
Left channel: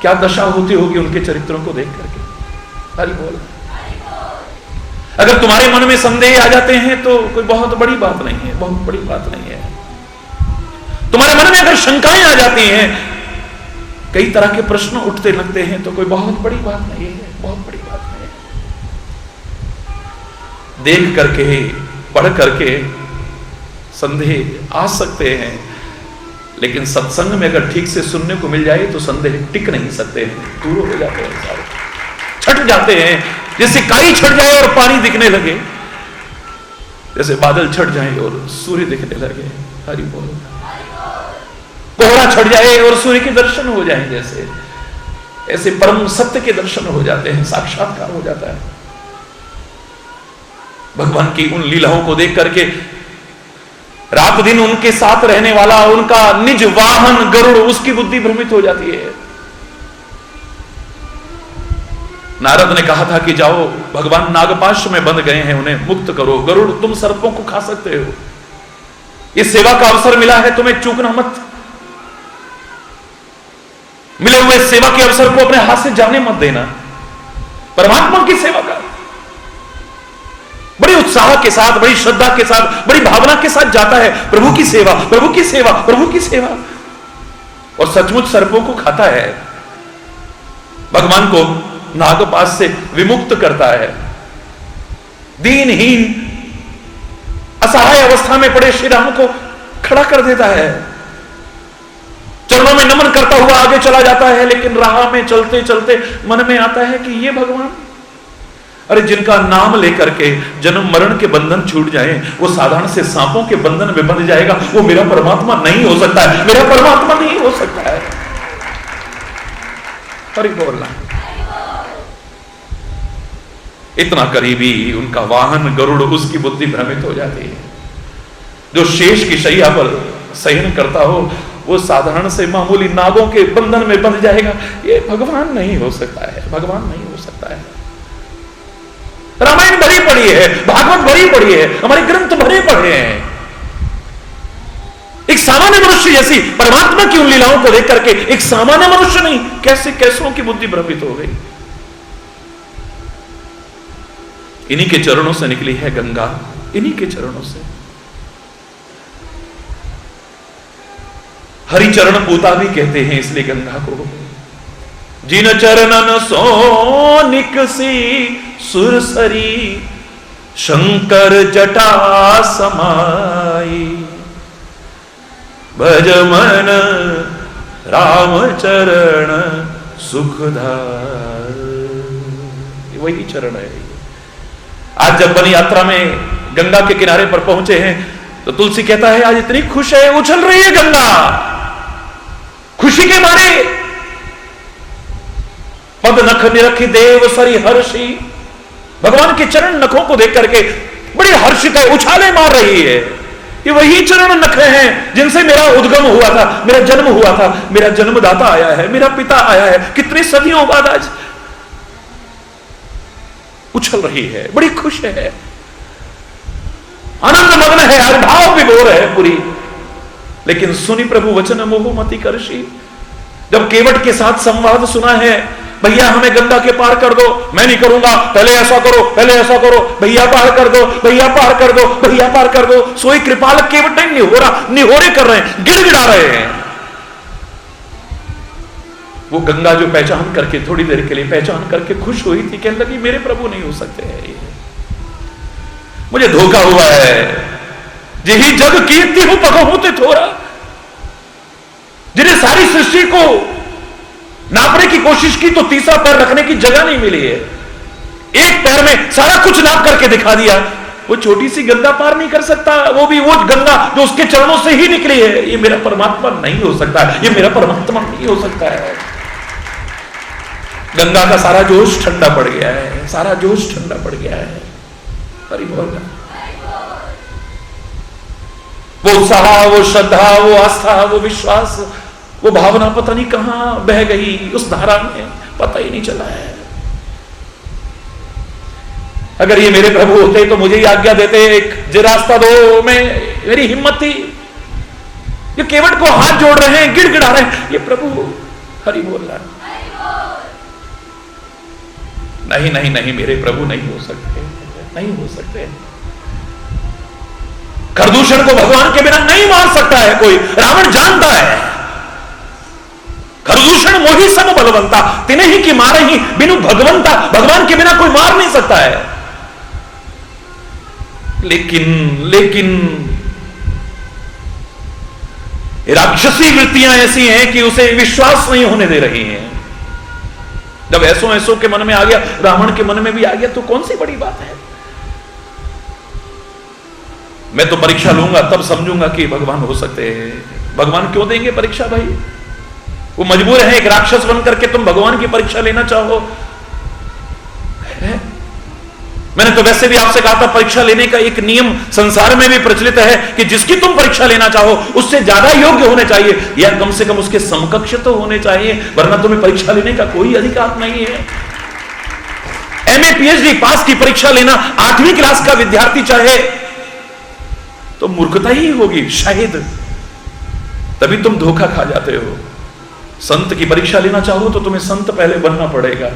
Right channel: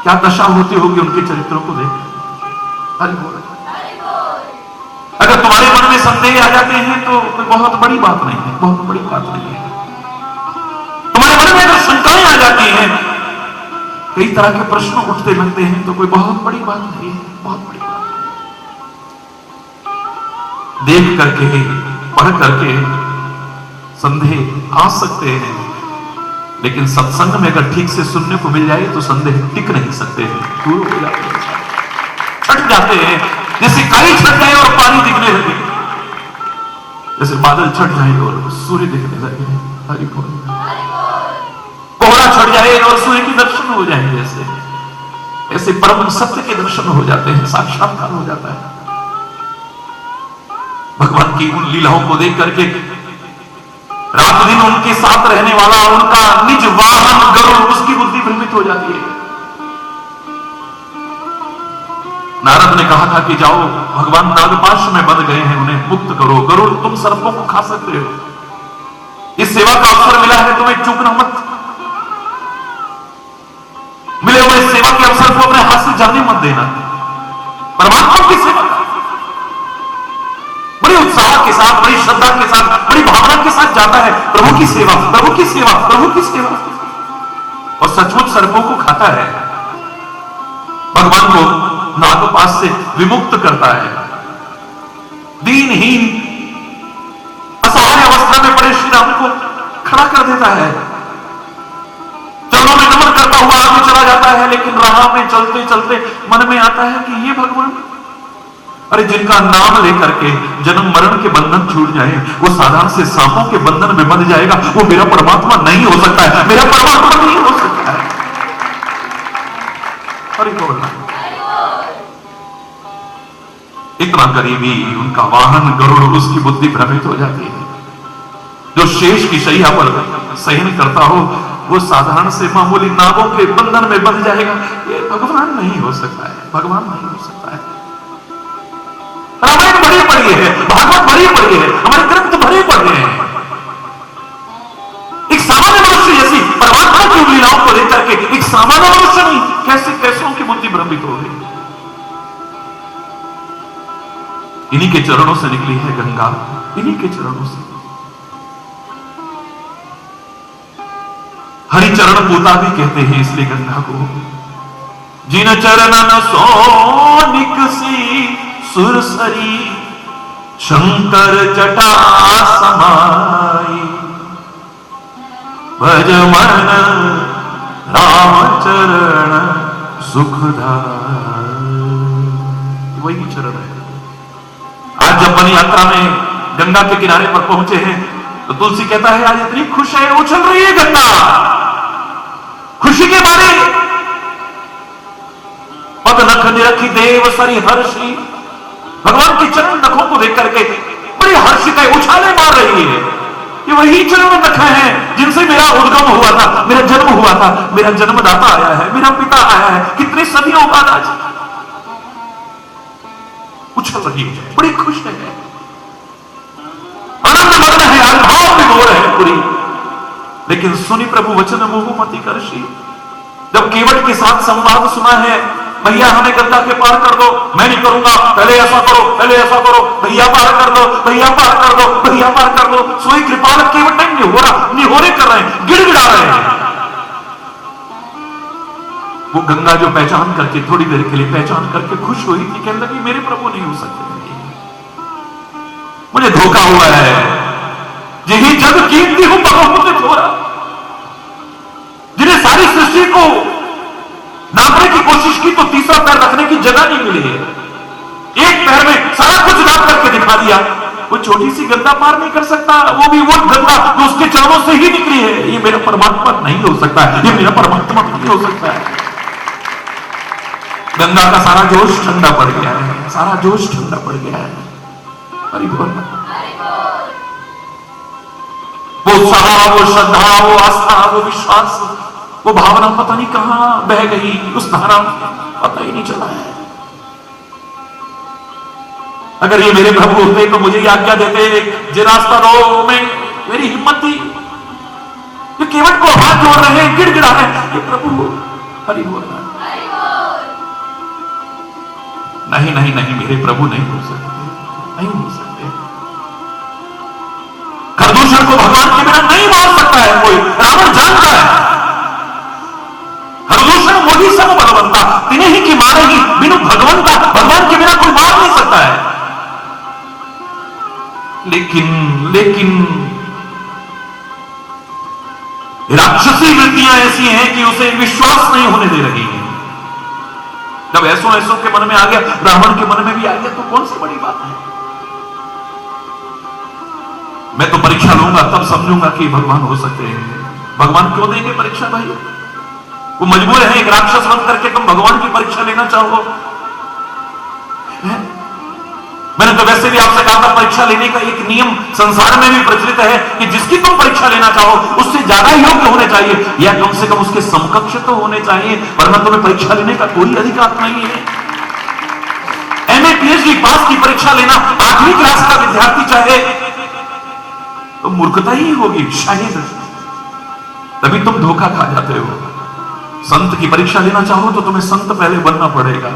क्या दशा होती होगी उनके चरित्रों को देख करके। अगर तुम्हारे मन में संदेह आ जाते हैं तो कोई बहुत बड़ी बात नहीं है, बहुत बड़ी बात नहीं है। तुम्हारे मन में अगर शंकाएं आ जाती हैं, कई तरह के प्रश्न उठते लगते हैं, तो कोई बहुत बड़ी बात नहीं है, बहुत बड़ी बात नहीं है। देख करके, पढ़ करके संदेह आ सकते हैं, लेकिन सत्संग में अगर ठीक से सुनने को मिल जाए तो संदेह टिक नहीं सकते, दूर हो जाते हैं, सारे छट जाते हैं। जैसे काई छट जाए और पानी दिखने लगे, जैसे बादल छट जाए और सूर्य दिखने लगे, हरि बोल, कोहरा छट जाए और सूर्य के दर्शन हो जाए, जैसे ऐसे परम सत्य के दर्शन हो जाते हैं, साक्षात्कार हो जाता है। भगवान की उन लीलाओं को देख करके रात दिन उनके साथ रहने वाला उनका निज वाहन गरुड़, उसकी बुद्धि भ्रमित हो जाती है। नारद ने कहा था कि जाओ, भगवान नागपाश में बंध गए हैं, उन्हें मुक्त करो। गरुड़, तुम सर्पों को खा सकते हो, ये सेवा का अवसर मिला है, तुम्हें चूकना मत। मिले हुए सेवा के अवसर को अपने हाथ से जाने मत देना। परमात्मा की सेवा का बड़ी उत्साह के साथ, बड़ी श्रद्धा के साथ, बड़ी भावना के साथ जाता है। प्रभु की सेवा, प्रभु की सेवा, प्रभु की सेवा, और सचमुच सर्पों को खाता है। भगवान को नागपाश से विमुक्त करता है। दीनहीन असहाय अवस्था में पड़े श्री राम को खड़ा कर देता है। चरणों में नमन करता हुआ आगे चला जाता है, लेकिन राह में चलते चलते मन में आता है कि ये भगवान, अरे जिनका नाम लेकर के जन्म मरण के बंधन छूट जाए, वो साधारण से सांपों के बंधन में बंध जाएगा, वो मेरा परमात्मा नहीं हो सकता है, मेरा परमात्मा नहीं हो सकता है। अरे बोलना, इतना करीबी उनका वाहन गरुड़, उसकी बुद्धि भ्रमित हो जाती है। जो शेष की शैया पर शयन करता हो, वो साधारण से मामूली नागों के बंधन में बंध जाएगा। ये भगवान नहीं हो सकता है, भगवान नहीं हो सकता है। रामायण बड़ी पड़ी है, भागवत बड़ी पड़ी है, हमारे ग्रंथ भरे पड़े हैं। एक सामान्य मनुष्य जैसी परमात्मा की उन लीलाओं को लेकर के एक सामान्य मनुष्य नहीं, कैसे कैसों की बुद्धि भ्रमित हो गई। इन्हीं के चरणों से निकली है गंगा, इन्हीं के चरणों से। हरि चरण पूता भी कहते हैं इसलिए गंगा को। जिन चरणन सो निकसी सुरसरी, शंकर जटा समाई, भज मन राम चरण सुखदाई। वही चरण है। आज जब वन यात्रा में गंगा के किनारे पर पहुंचे हैं, तो तुलसी कहता है आज इतनी खुश है, उछल रही है गंगा खुशी के मारे। पद नख निरखी देव सरी हर्षी, भगवान के चरण नखों को देख करके बड़ी हर्षित है, उछाले मार रही है। ये वही चरण नख हैं जिनसे मेरा उद्गम हुआ था, मेरा जन्म हुआ था, मेरा जन्मदाता आया है, मेरा पिता आया है, कितने सदियों बाद आज उछल रही है, बड़ी खुश है, आनंद मग्न है, अनुभाव विभोर है पूरी। लेकिन सुनी प्रभु वचन मोह मति करशी, जब केवट के साथ संवाद सुना है, भैया हमें गंगा के पार कर दो, मैं नहीं करूंगा, पहले ऐसा करो, पहले ऐसा करो, भैया पार कर दो, भैया पार कर दो, भैया पार कर दो। सोई कृपाल केवट नहीं हो रहा, निहोरे कर रहे हैं, गिड़गिड़ा रहे हैं। वो गंगा जो पहचान करके थोड़ी देर के लिए पहचान करके खुश हुई थी, कहने लगी मेरे प्रभु नहीं हो सकते हैं, मुझे धोखा हुआ है, यही जग कीर्ति हूं बहुमुचित हो रहा। जिन्हें सारी सृष्टि को नापने की कोशिश की तो तीसरा पैर रखने की जगह नहीं मिली है, एक पैर में सारा कुछ नाप करके दिखा दिया। वो छोटी सी गंगा पार नहीं कर सकता, वो भी वो गंगा जो उसके चरणों से ही निकली है। ये मेरा परमात्मा नहीं हो सकता है, ये मेरा परमात्मा नहीं हो सकता है। गंगा का सारा जोश ठंडा पड़ गया है, सारा जोश ठंडा पड़ गया है। अरे वो उत्साह, वो श्रद्धा, वो आस्था, वो विश्वास, वो भावना पता नहीं कहां बह गई उस धारा में, पता ही नहीं चला है। अगर ये मेरे प्रभु होते तो मुझे आज्ञा देते, एक रास्ता दो, में मेरी हिम्मत थी। ये केवट को हाथ जोड़ रहे हैं, गिड़गिड़ा रहे हैं, ये प्रभु हरि बोल रहा है। नहीं नहीं नहीं, मेरे प्रभु नहीं हो सकते, नहीं हो सकते। खरदूषण को भगवान के बिना नहीं मार सकता है कोई, रावण जानता है। खरदूषण मोही सब भगवंता, तिन्हें ही कि मारे ही बिनु भगवंता, भगवान के बिना कोई मार नहीं सकता है। लेकिन राक्षसी वृत्तियां ऐसी हैं कि उसे विश्वास नहीं होने दे रही हैं। जब ऐसो के मन में आ गया, रावण के मन में भी आ गया, तो कौन सी बड़ी बात है। मैं तो परीक्षा लूंगा तब समझूंगा कि भगवान हो सकते हैं। भगवान क्यों देंगे परीक्षा भाई? वो मजबूर है, एक राक्षस बन करके तुम भगवान की परीक्षा लेना चाहो। मैंने तो वैसे भी आपसे कहा था, परीक्षा लेने का एक नियम संसार में भी प्रचलित है कि जिसकी तुम परीक्षा लेना चाहो उससे ज्यादा योग्य होने चाहिए, या कम से कम उसके समकक्ष तो होने चाहिए, वरना तुम्हें परीक्षा लेने का कोई अधिकार नहीं है। एमए पीएचडी पास की परीक्षा लेना 8वीं क्लास का विद्यार्थी चाहे तो मूर्खता ही होगी शायद, तभी तुम धोखा खा जाते हो। संत की परीक्षा लेना चाहो तो तुम्हें संत पहले बनना पड़ेगा,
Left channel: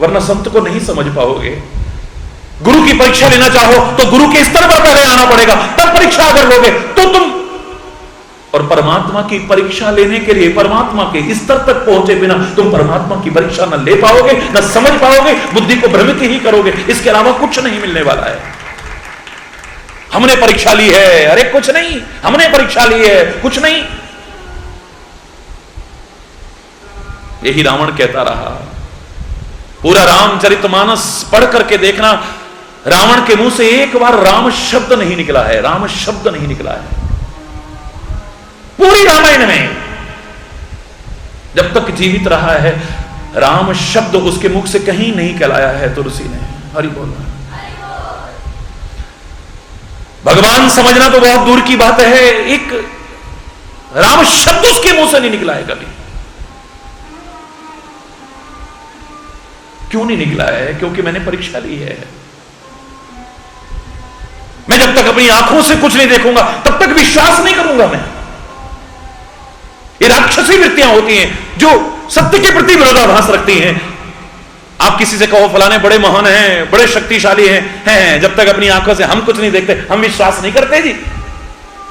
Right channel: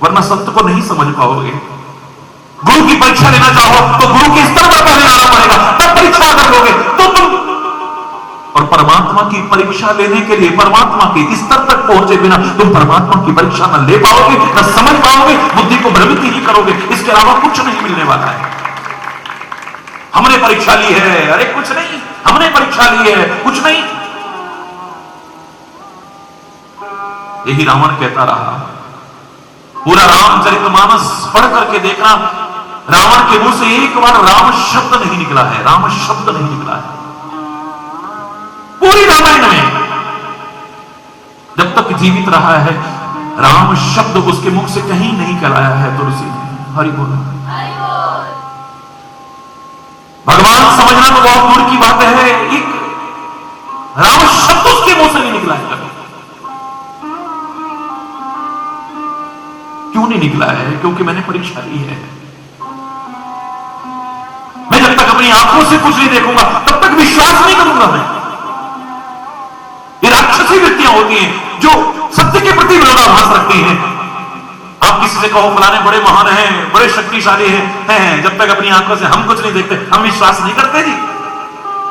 वरना संत को नहीं समझ पाओगे। गुरु की परीक्षा लेना चाहो तो गुरु के स्तर पर पहले आना पड़ेगा, तब परीक्षा अगर लोगे तो तुम। और परमात्मा की परीक्षा लेने के लिए परमात्मा के स्तर तक पहुंचे बिना तुम परमात्मा की परीक्षा न ले पाओगे, न समझ पाओगे, बुद्धि को भ्रमित ही करोगे। इसके अलावा कुछ नहीं मिलने वाला है। हमने परीक्षा ली है, अरे कुछ नहीं, हमने परीक्षा ली है, कुछ नहीं। यही रावण कहता रहा। पूरा रामचरितमानस पढ़ करके देखना, रावण के मुंह से एक बार राम शब्द नहीं निकला है, राम शब्द नहीं निकला है पूरी रामायण में। जब तक जीवित रहा है राम शब्द उसके मुख से कहीं नहीं कहलाया है तुलसी ने। हरि बोल। भगवान समझना तो बहुत दूर की बात है, एक राम शब्द उसके मुंह से नहीं निकला है कभी। क्यों नहीं निकला है? क्योंकि मैंने परीक्षा ली है। मैं जब तक अपनी आंखों से कुछ नहीं देखूंगा तब तक विश्वास नहीं करूंगा। मैं ये राक्षसी वृत्तियां होती हैं जो सत्य के प्रति विरोधाभास रखती हैं। आप किसी से कहो फलाने बड़े महान हैं, बड़े शक्तिशाली हैं, जब तक अपनी आंखों से हम कुछ नहीं देखते हम विश्वास नहीं करते जी।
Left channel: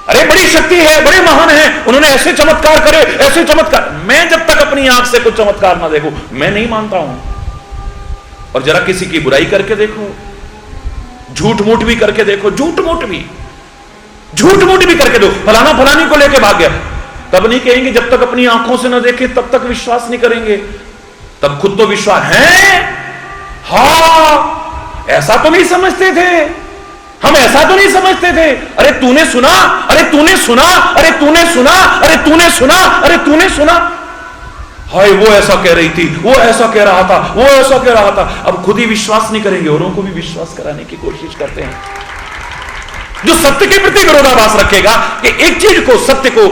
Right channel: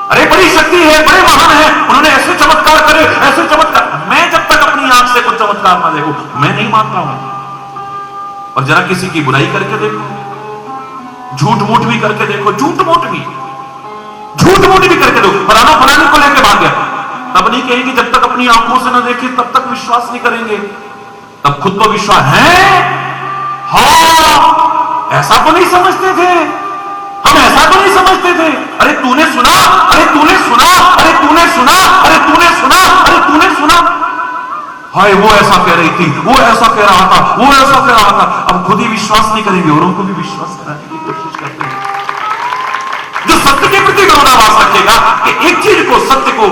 अरे बड़ी शक्ति है, बड़े महान है, उन्होंने ऐसे चमत्कार करे, ऐसे चमत्कार। मैं जब तक अपनी आंख से कुछ चमत्कार ना देखूं मैं नहीं मानता हूं। और जरा किसी की बुराई करके देखो, झूठ मूठ भी करके देखो, झूठ मूठ भी करके दो, फलाना फलानी को लेके भाग गया, तब नहीं कहेंगे। जब तक अपनी आंखों से न देखे तब तक विश्वास नहीं करेंगे। तब खुद तो विश्वास है, हाँ ऐसा तो नहीं समझते थे हम, ऐसा तो नहीं समझते थे। अरे तूने सुना, अरे तूने सुना, अरे तूने सुना, अरे तूने सुना, अरे तूने सुना। हाय वो ऐसा कह रही थी, वो ऐसा कह रहा था, वो ऐसा कह रहा था। अब खुद ही विश्वास नहीं करेंगे, औरों को भी विश्वास कराने की कोशिश करते हैं। जो सत्य के प्रति विरोधाभास रखेगा कि एक चीज को, सत्य को,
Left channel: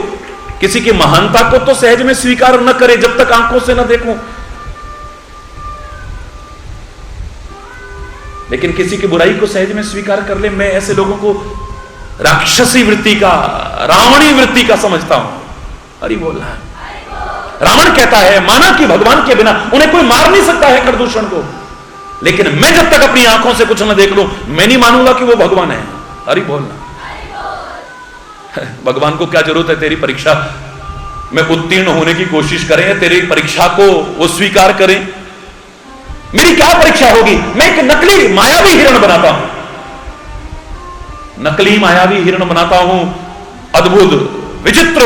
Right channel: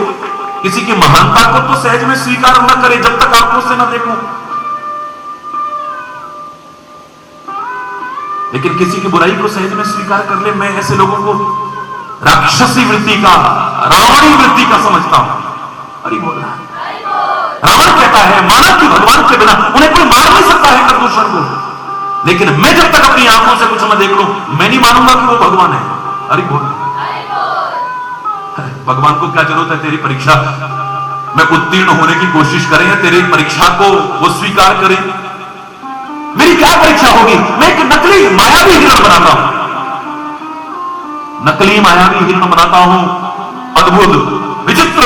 किसी की महानता को तो सहज में स्वीकार न करे जब तक आंखों से न देखूं, लेकिन किसी की बुराई को सहज में स्वीकार कर ले, मैं ऐसे लोगों को राक्षसी वृत्ति का, रावणी वृत्ति का समझता हूं। हरि बोल। रावण कहता है माना कि भगवान के बिना उन्हें कोई मार नहीं सकता है प्रदूषण को, लेकिन मैं जब तक अपनी आंखों से कुछ न देख लूं मैं नहीं मानूंगा कि वो भगवान है। हरि बोल। भगवान को क्या जरूरत है तेरी परीक्षा में उत्तीर्ण होने की कोशिश करें, तेरी परीक्षा को वो स्वीकार करें। मेरी क्या परीक्षा होगी? मैं एक नकली मायावी हिरण बनाता हूं, नकली मायावी हिरण बनाता हूं, अद्भुत विचित्र,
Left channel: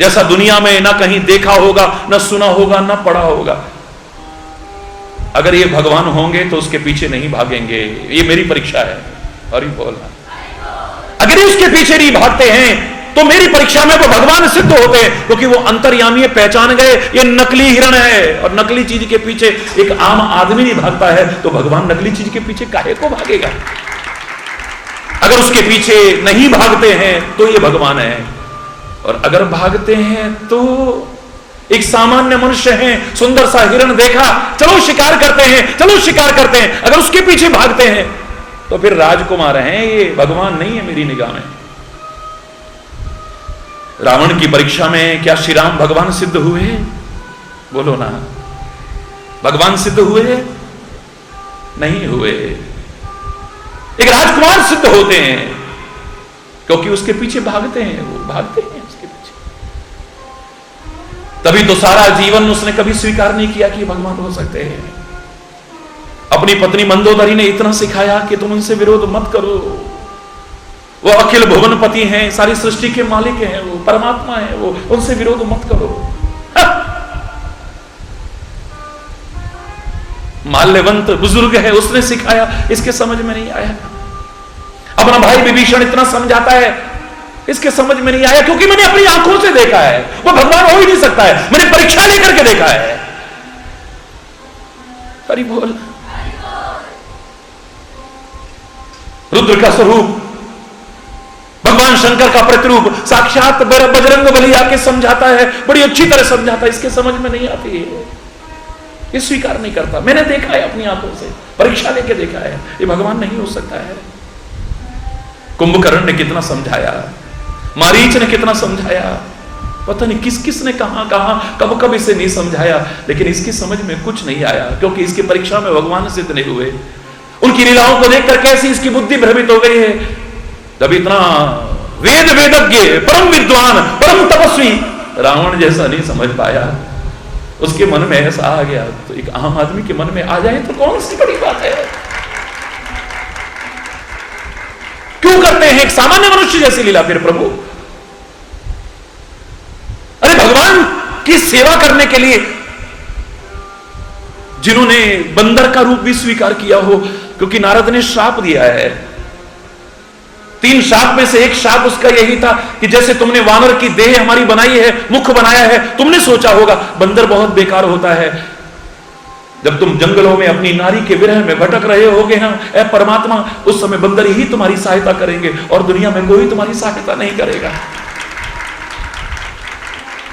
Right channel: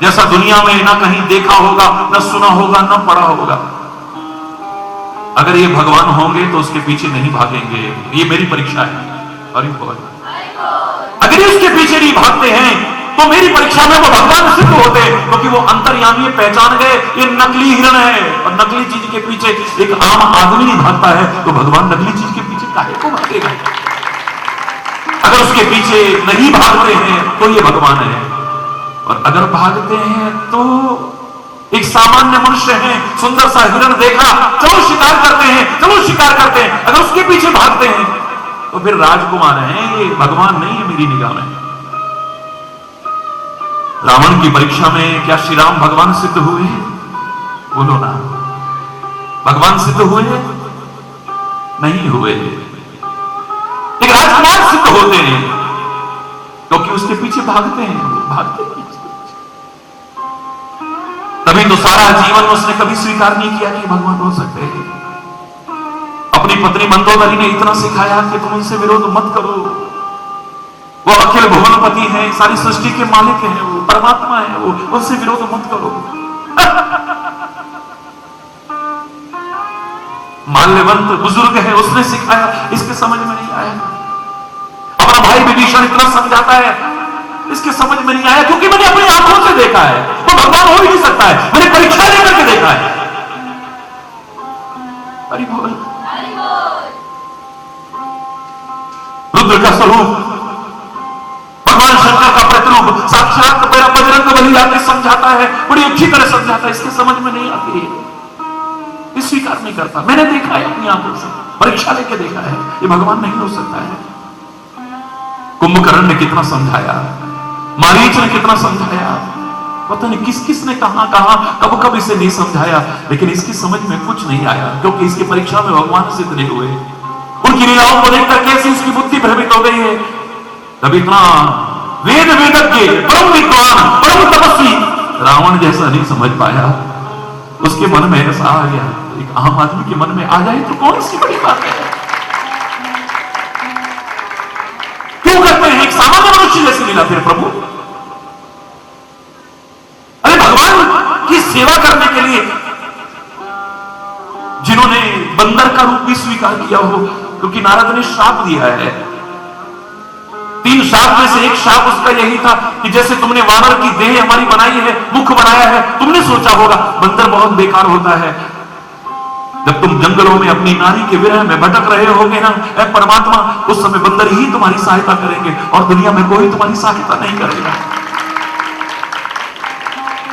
जैसा दुनिया में ना कहीं देखा होगा, ना सुना होगा, ना पढ़ा होगा। अगर ये भगवान होंगे तो उसके पीछे नहीं भागेंगे, ये मेरी परीक्षा है। हरि बोल। अगर ये उसके पीछे नहीं भागते हैं तो मेरी परीक्षा में वो भगवान सिद्ध होते हैं, क्योंकि वो अंतर्यामी पहचान गए ये नकली हिरण है। और नकली चीज के पीछे एक आम आदमी नहीं भागता है, तो भगवान नकली चीज के पीछे काहे को भागेगा? अगर उसके पीछे नहीं भागते हैं तो ये भगवान है, और अगर भागते हैं तो एक सामान्य मनुष्य है, सुंदर सा हिरण देखा, चलो शिकार करते हैं, चलो शिकार करते हैं। अगर उसके पीछे भागते हैं तो फिर राजकुमार हैं, ये भगवान नहीं है मेरी निगाह में। रावण की परीक्षा में क्या श्री राम भगवान सिद्ध हुए? बोलो ना, भगवान सिद्ध हुए? नहीं हुए। एक राजकुमार सिद्ध होते हैं क्योंकि उसके पीछे भागते हैं, भागते हैं उसके पीछे। तभी तो सारा जीवन उसने कभी स्वीकार नहीं किया कि भगवान हो सकते हैं। अपनी पत्नी मंदोदरी ने इतना सिखाया कि तुम उनसे विरोध मत करो, वो अखिल भुवनपति हैं, सारी सृष्टि के मालिक हैं, वो परमात्मा है, वो उनसे विरोध मत करो। माल्यवंत बुजुर्ग है, उसने सिखाया, इसके समझ में नहीं आया। अपना भाई विभीषण इतना समझाता है, इसके समझ में नहीं आया, क्योंकि मैंने अपनी आंखों से देखा है वो भगवान हो ही नहीं सकता है, मैंने परीक्षा लेकर के देखा है। हरि बोल। रुद्र का स्वरूप, भगवान शंकर का प्रतिरूप, साक्षात बजरंग बली आके समझाता है, बड़ी अच्छी तरह समझाता है, इसके समझ में नहीं आती है, ये स्वीकार नहीं करता। मैंने देखा है अपनी आंखों से, परीक्षा लेके देखा है, ये भगवान नहीं हो सकता है। कुंभकर्ण ने कितना समझाया, मारीच ने कितना समझाया, पता नहीं किस किस ने कहां कब कब इसे नहीं समझाया, लेकिन इसकी समझ में कुछ नहीं आया, क्योंकि इसकी परीक्षा में भगवान सिद्ध नहीं हुए। उनकी लीलाओं को देखकर कैसी इसकी बुद्धि भ्रमित हो गई है। जब इतना वेद वेदज्ञ, परम विद्वान, परम तपस्वी रावण जैसा नहीं समझ पाया, उसके मन में ऐसा आ गया, तो एक आम आदमी के मन में आ जाए तो कौन सी बड़ी बात है? क्यों करते हैं एक सामान्य मनुष्य जैसी लीला फिर प्रभु? अरे भगवान की सेवा करने के लिए जिन्होंने बंदर का रूप भी स्वीकार किया हो, क्योंकि नारद ने श्राप दिया है। 3 श्राप में से एक श्राप उसका यही था कि जैसे तुमने वानर की देह हमारी बनाई है, मुख बनाया है, तुमने सोचा होगा बंदर बहुत बेकार होता है। जब तुम जंगलों में अपनी नारी के विरह में भटक रहे होगे ना ऐ परमात्मा, उस समय बंदर ही तुम्हारी सहायता करेंगे और दुनिया में कोई तुम्हारी सहायता नहीं करेगा।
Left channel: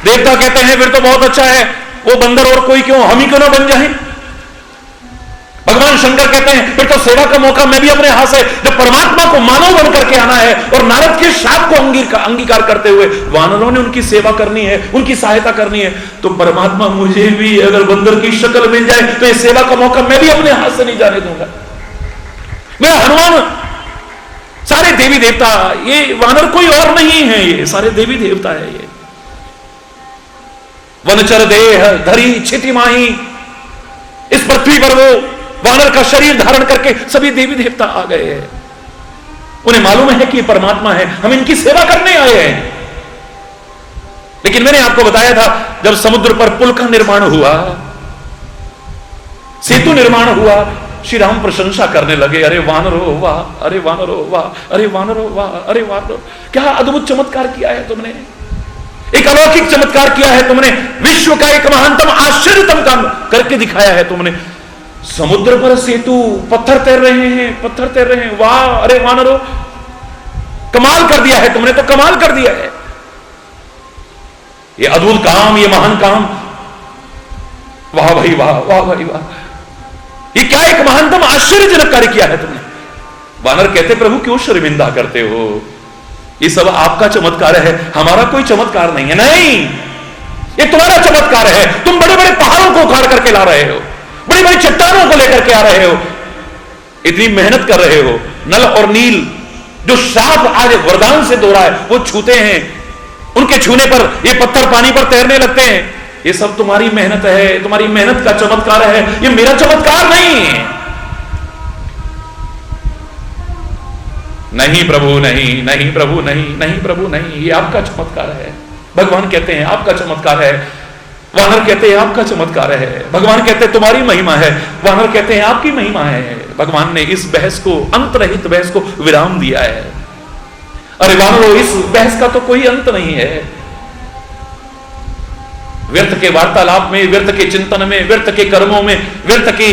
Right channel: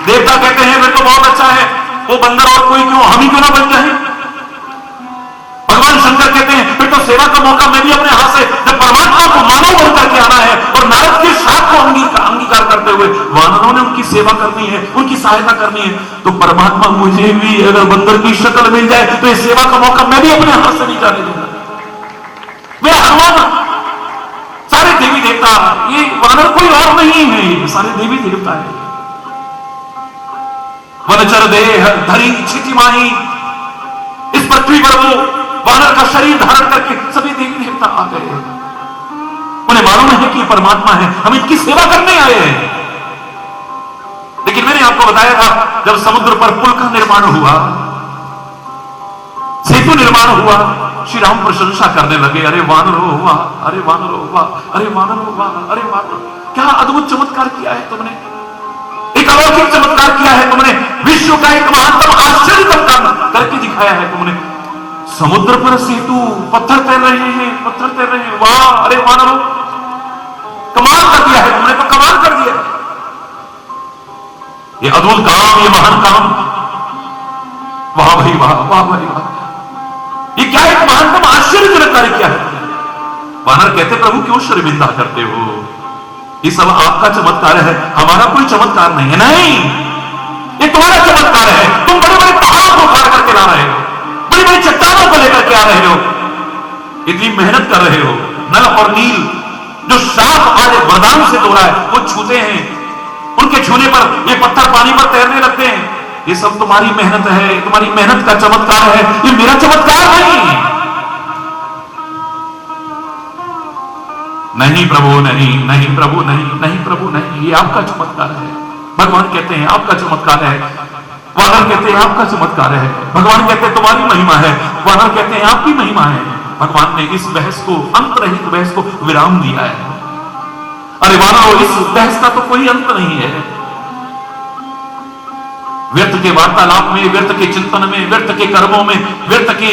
देवता कहते हैं फिर तो बहुत अच्छा है, वो बंदर और कोई क्यों, हम ही क्यों ना बन जाए। भगवान शंकर कहते हैं फिर तो सेवा का मौका मैं भी अपने हाथ से, जब परमात्मा को मानव बन करके आना है और नारद के श्राप को अंगीकार करते हुए वानरों ने उनकी सेवा करनी है, उनकी सहायता करनी है, तो परमात्मा मुझे भी अगर बंदर की शक्ल मिल जाए तो इस सेवा का मौका मैं भी अपने हाथ से नहीं जाने दूंगा। मेरा हनुमान, सारे देवी देवता, ये वानर कोई और नहीं है, ये सारे देवी देवता है। ये वनचर देह धरी क्षिति माही, इस पृथ्वी पर वो वानर का शरीर धारण करके सभी देवी देवता आ गए हैं। उन्हें मालूम है कि ये परमात्मा है, हम इनकी सेवा करने आए हैं। लेकिन मैंने आपको बताया था जब समुद्र पर पुल का निर्माण हुआ, सेतु निर्माण हुआ, श्री राम प्रशंसा करने लगे, अरे वानर हो वाह, अरे वानर हो वाह, अरे वानर हो वाह, अरे वानर, क्या अद्भुत चमत्कार किया है तुमने, एक अलौकिक चमत्कार किया है तुमने, विश्व का एक महानतम आश्चर्यतम काम करके दिखाया है तुमने। समुद्र पर सेतु, पत्थर तैर रहे हैं, पत्थर तैर रहे हैं, वाह, अरे वानरो, कमाल कर दिया है तुमने, तो कमाल कर दिया है। ये अद्भुत काम, ये महान काम, वाह भाई वाह, वाह भाई वाह, ये क्या एक महानतम आश्चर्यजनक कार्य किया है तुमने। वानर कहते प्रभु क्यों शर्मिंदा करते हो, ये सब आपका चमत्कार है, हमारा कोई चमत्कार नहीं है। नहीं, ये तुम्हारा चमत्कार है, तुम बड़े बड़े पहाड़ों को उखाड़ करके ला रहे हो, बड़ी बड़ी चट्टानों को लेकर के आ रहे हो, इतनी मेहनत कर रहे हो। नल और नील जो श्राप आज वरदान से दो रहा है वो छूते हैं, उनके छूने पर ये पत्थर पानी पर तैरने लगते हैं। ये सब तुम्हारी मेहनत है, तुम्हारी मेहनत का चमत्कार है, ये मेरा चमत्कार नहीं है। नहीं प्रभु नहीं, नहीं प्रभु नहीं, नहीं प्रभु नहीं, ये आपका चमत्कार है। भगवान कहते हैं आपका चमत्कार है, वानर कहते हैं आपका चमत्कार है। भगवान कहते हैं तुम्हारी महिमा है, वानर कहते हैं आपकी महिमा है। भगवान ने इस बहस को, अंतरहित बहस को विराम दिया है। अरे वानरो, इस बहस का तो कोई अंत नहीं है। व्यर्थ के वार्तालाप में, व्यर्थ के चिंतन में, व्यर्थ के कर्मों में, व्यर्थ के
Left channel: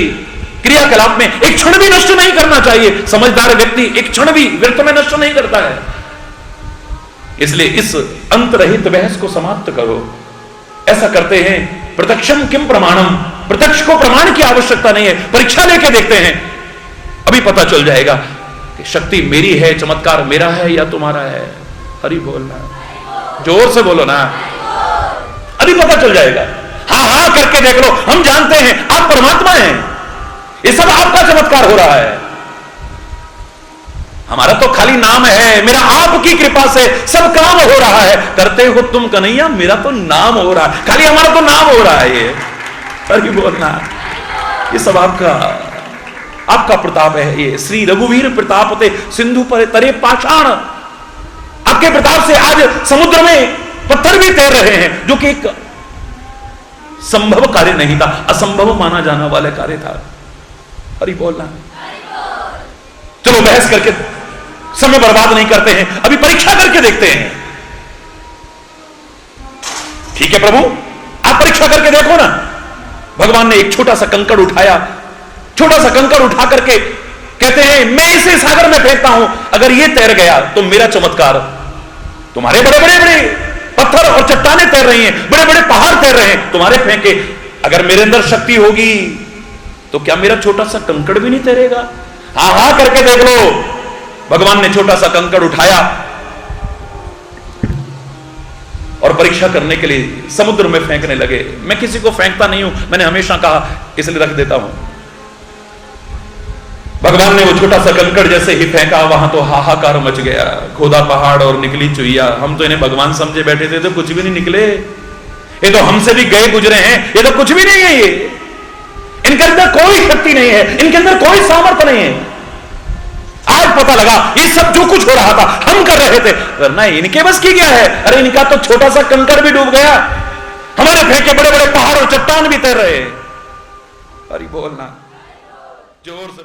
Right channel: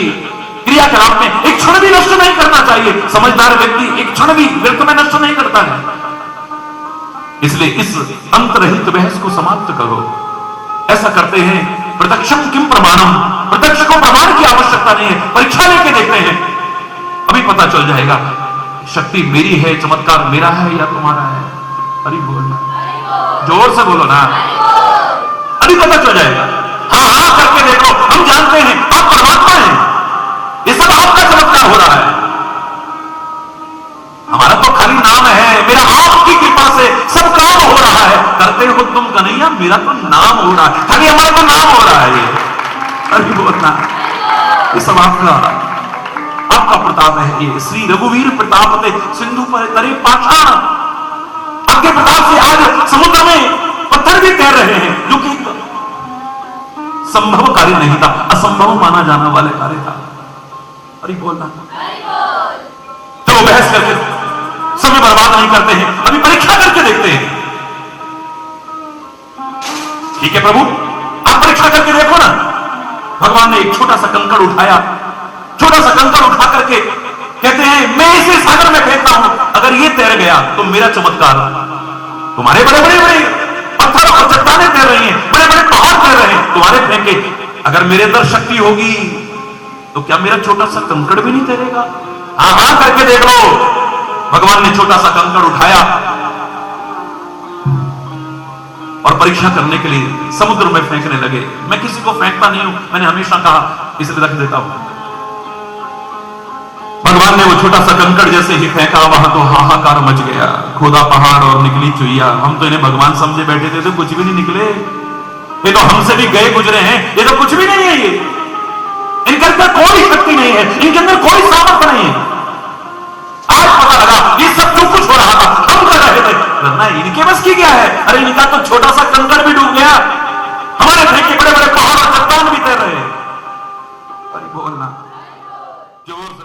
क्रियाकलाप में एक क्षण भी नष्ट नहीं करना चाहिए। समझदार व्यक्ति एक क्षण भी व्यर्थ में नष्ट नहीं करता है। इसलिए इस अंतरहित बहस को समाप्त करो। ऐसा करते हैं प्रत्यक्षम किम प्रमाणम, प्रत्यक्ष को प्रमाण की आवश्यकता नहीं है, परीक्षा लेके देखते हैं, अभी पता चल जाएगा कि शक्ति मेरी है, चमत्कार मेरा है या तुम्हारा है। अरे बोलना, जोर से बोलो ना, अभी पता चल जाएगा। हाँ हाँ करके देख लो, हम जानते हैं आप परमात्मा हैं, ये सब आपका चमत्कार हो रहा है, हमारा तो खाली नाम है। मेरा आपकी कृपा से सब काम हो रहा है, करते हो तुम कन्हैया, मेरा तो नाम हो रहा है, खाली हमारा तो नाम हो रहा है। ये अभी बोलना, ये सब आपका प्रताप है। ये श्री रघुवीर प्रताप थे सिंधु पर तरे पाषाण, आपके प्रताप से आज समुद्र में पत्थर भी तैर रहे हैं, जो कि एक संभव कार्य नहीं था, असंभव माना जाना वाले कार्य था। अरे बोलना, चलो बहस करके समय बर्बाद नहीं करते हैं, अभी परीक्षा करके देखते हैं। ठीक है प्रभु, आप परीक्षा करके देखो ना। भगवान ने एक छोटा सा कंकड़ उठाया, छोटा सा कंकड़ उठा करके कहते हैं मैं इसे सागर में फेंकता हूं, अगर ये तैर गया तो मेरा चमत्कार। तुम्हारे बड़े बड़े बड़े पत्थर और चट्टाने तैर रही हैं, बड़े बड़े पहाड़ तैर रहे हैं, तुम्हारे फेंके, अगर मेरे अंदर शक्ति होगी तो क्या मेरा छोटा सा कंकड़ भी नहीं तैरेगा? हाँ हाँ करके देख लो। भगवान ने छोटा सा कंकड़ उठाया और परीक्षा करने के लिए समुद्र में फेंकने लगे। मैं किसी को फेंकता नहीं हूं, मैंने हमेशा कहा, इसलिए रख देता हूं। भगवान ने वो छोटा सा कंकड़ जैसे ही फेंका, वहां तो हाहाकार मच गया। खोदा पहाड़ और निकली चुईया। हम तो इन्हें भगवान समझे बैठे थे, तो कुछ भी नहीं निकले। ये तो हमसे भी गए गुजरे हैं, ये तो कुछ भी नहीं है। ये इनके अंदर कोई शक्ति नहीं है, इनके अंदर कोई सामर्थ्य नहीं है। आज पता लगा ये सब जो कुछ हो रहा था हम कर रहे थे, करना इनके बस की क्या है। अरे इनका तो छोटा सा कंकड़ भी डूब गया, हमारे फेंके बड़े बड़े पहाड़ और चट्टान भी तैर रहे हैं। हरि बोलना जोर से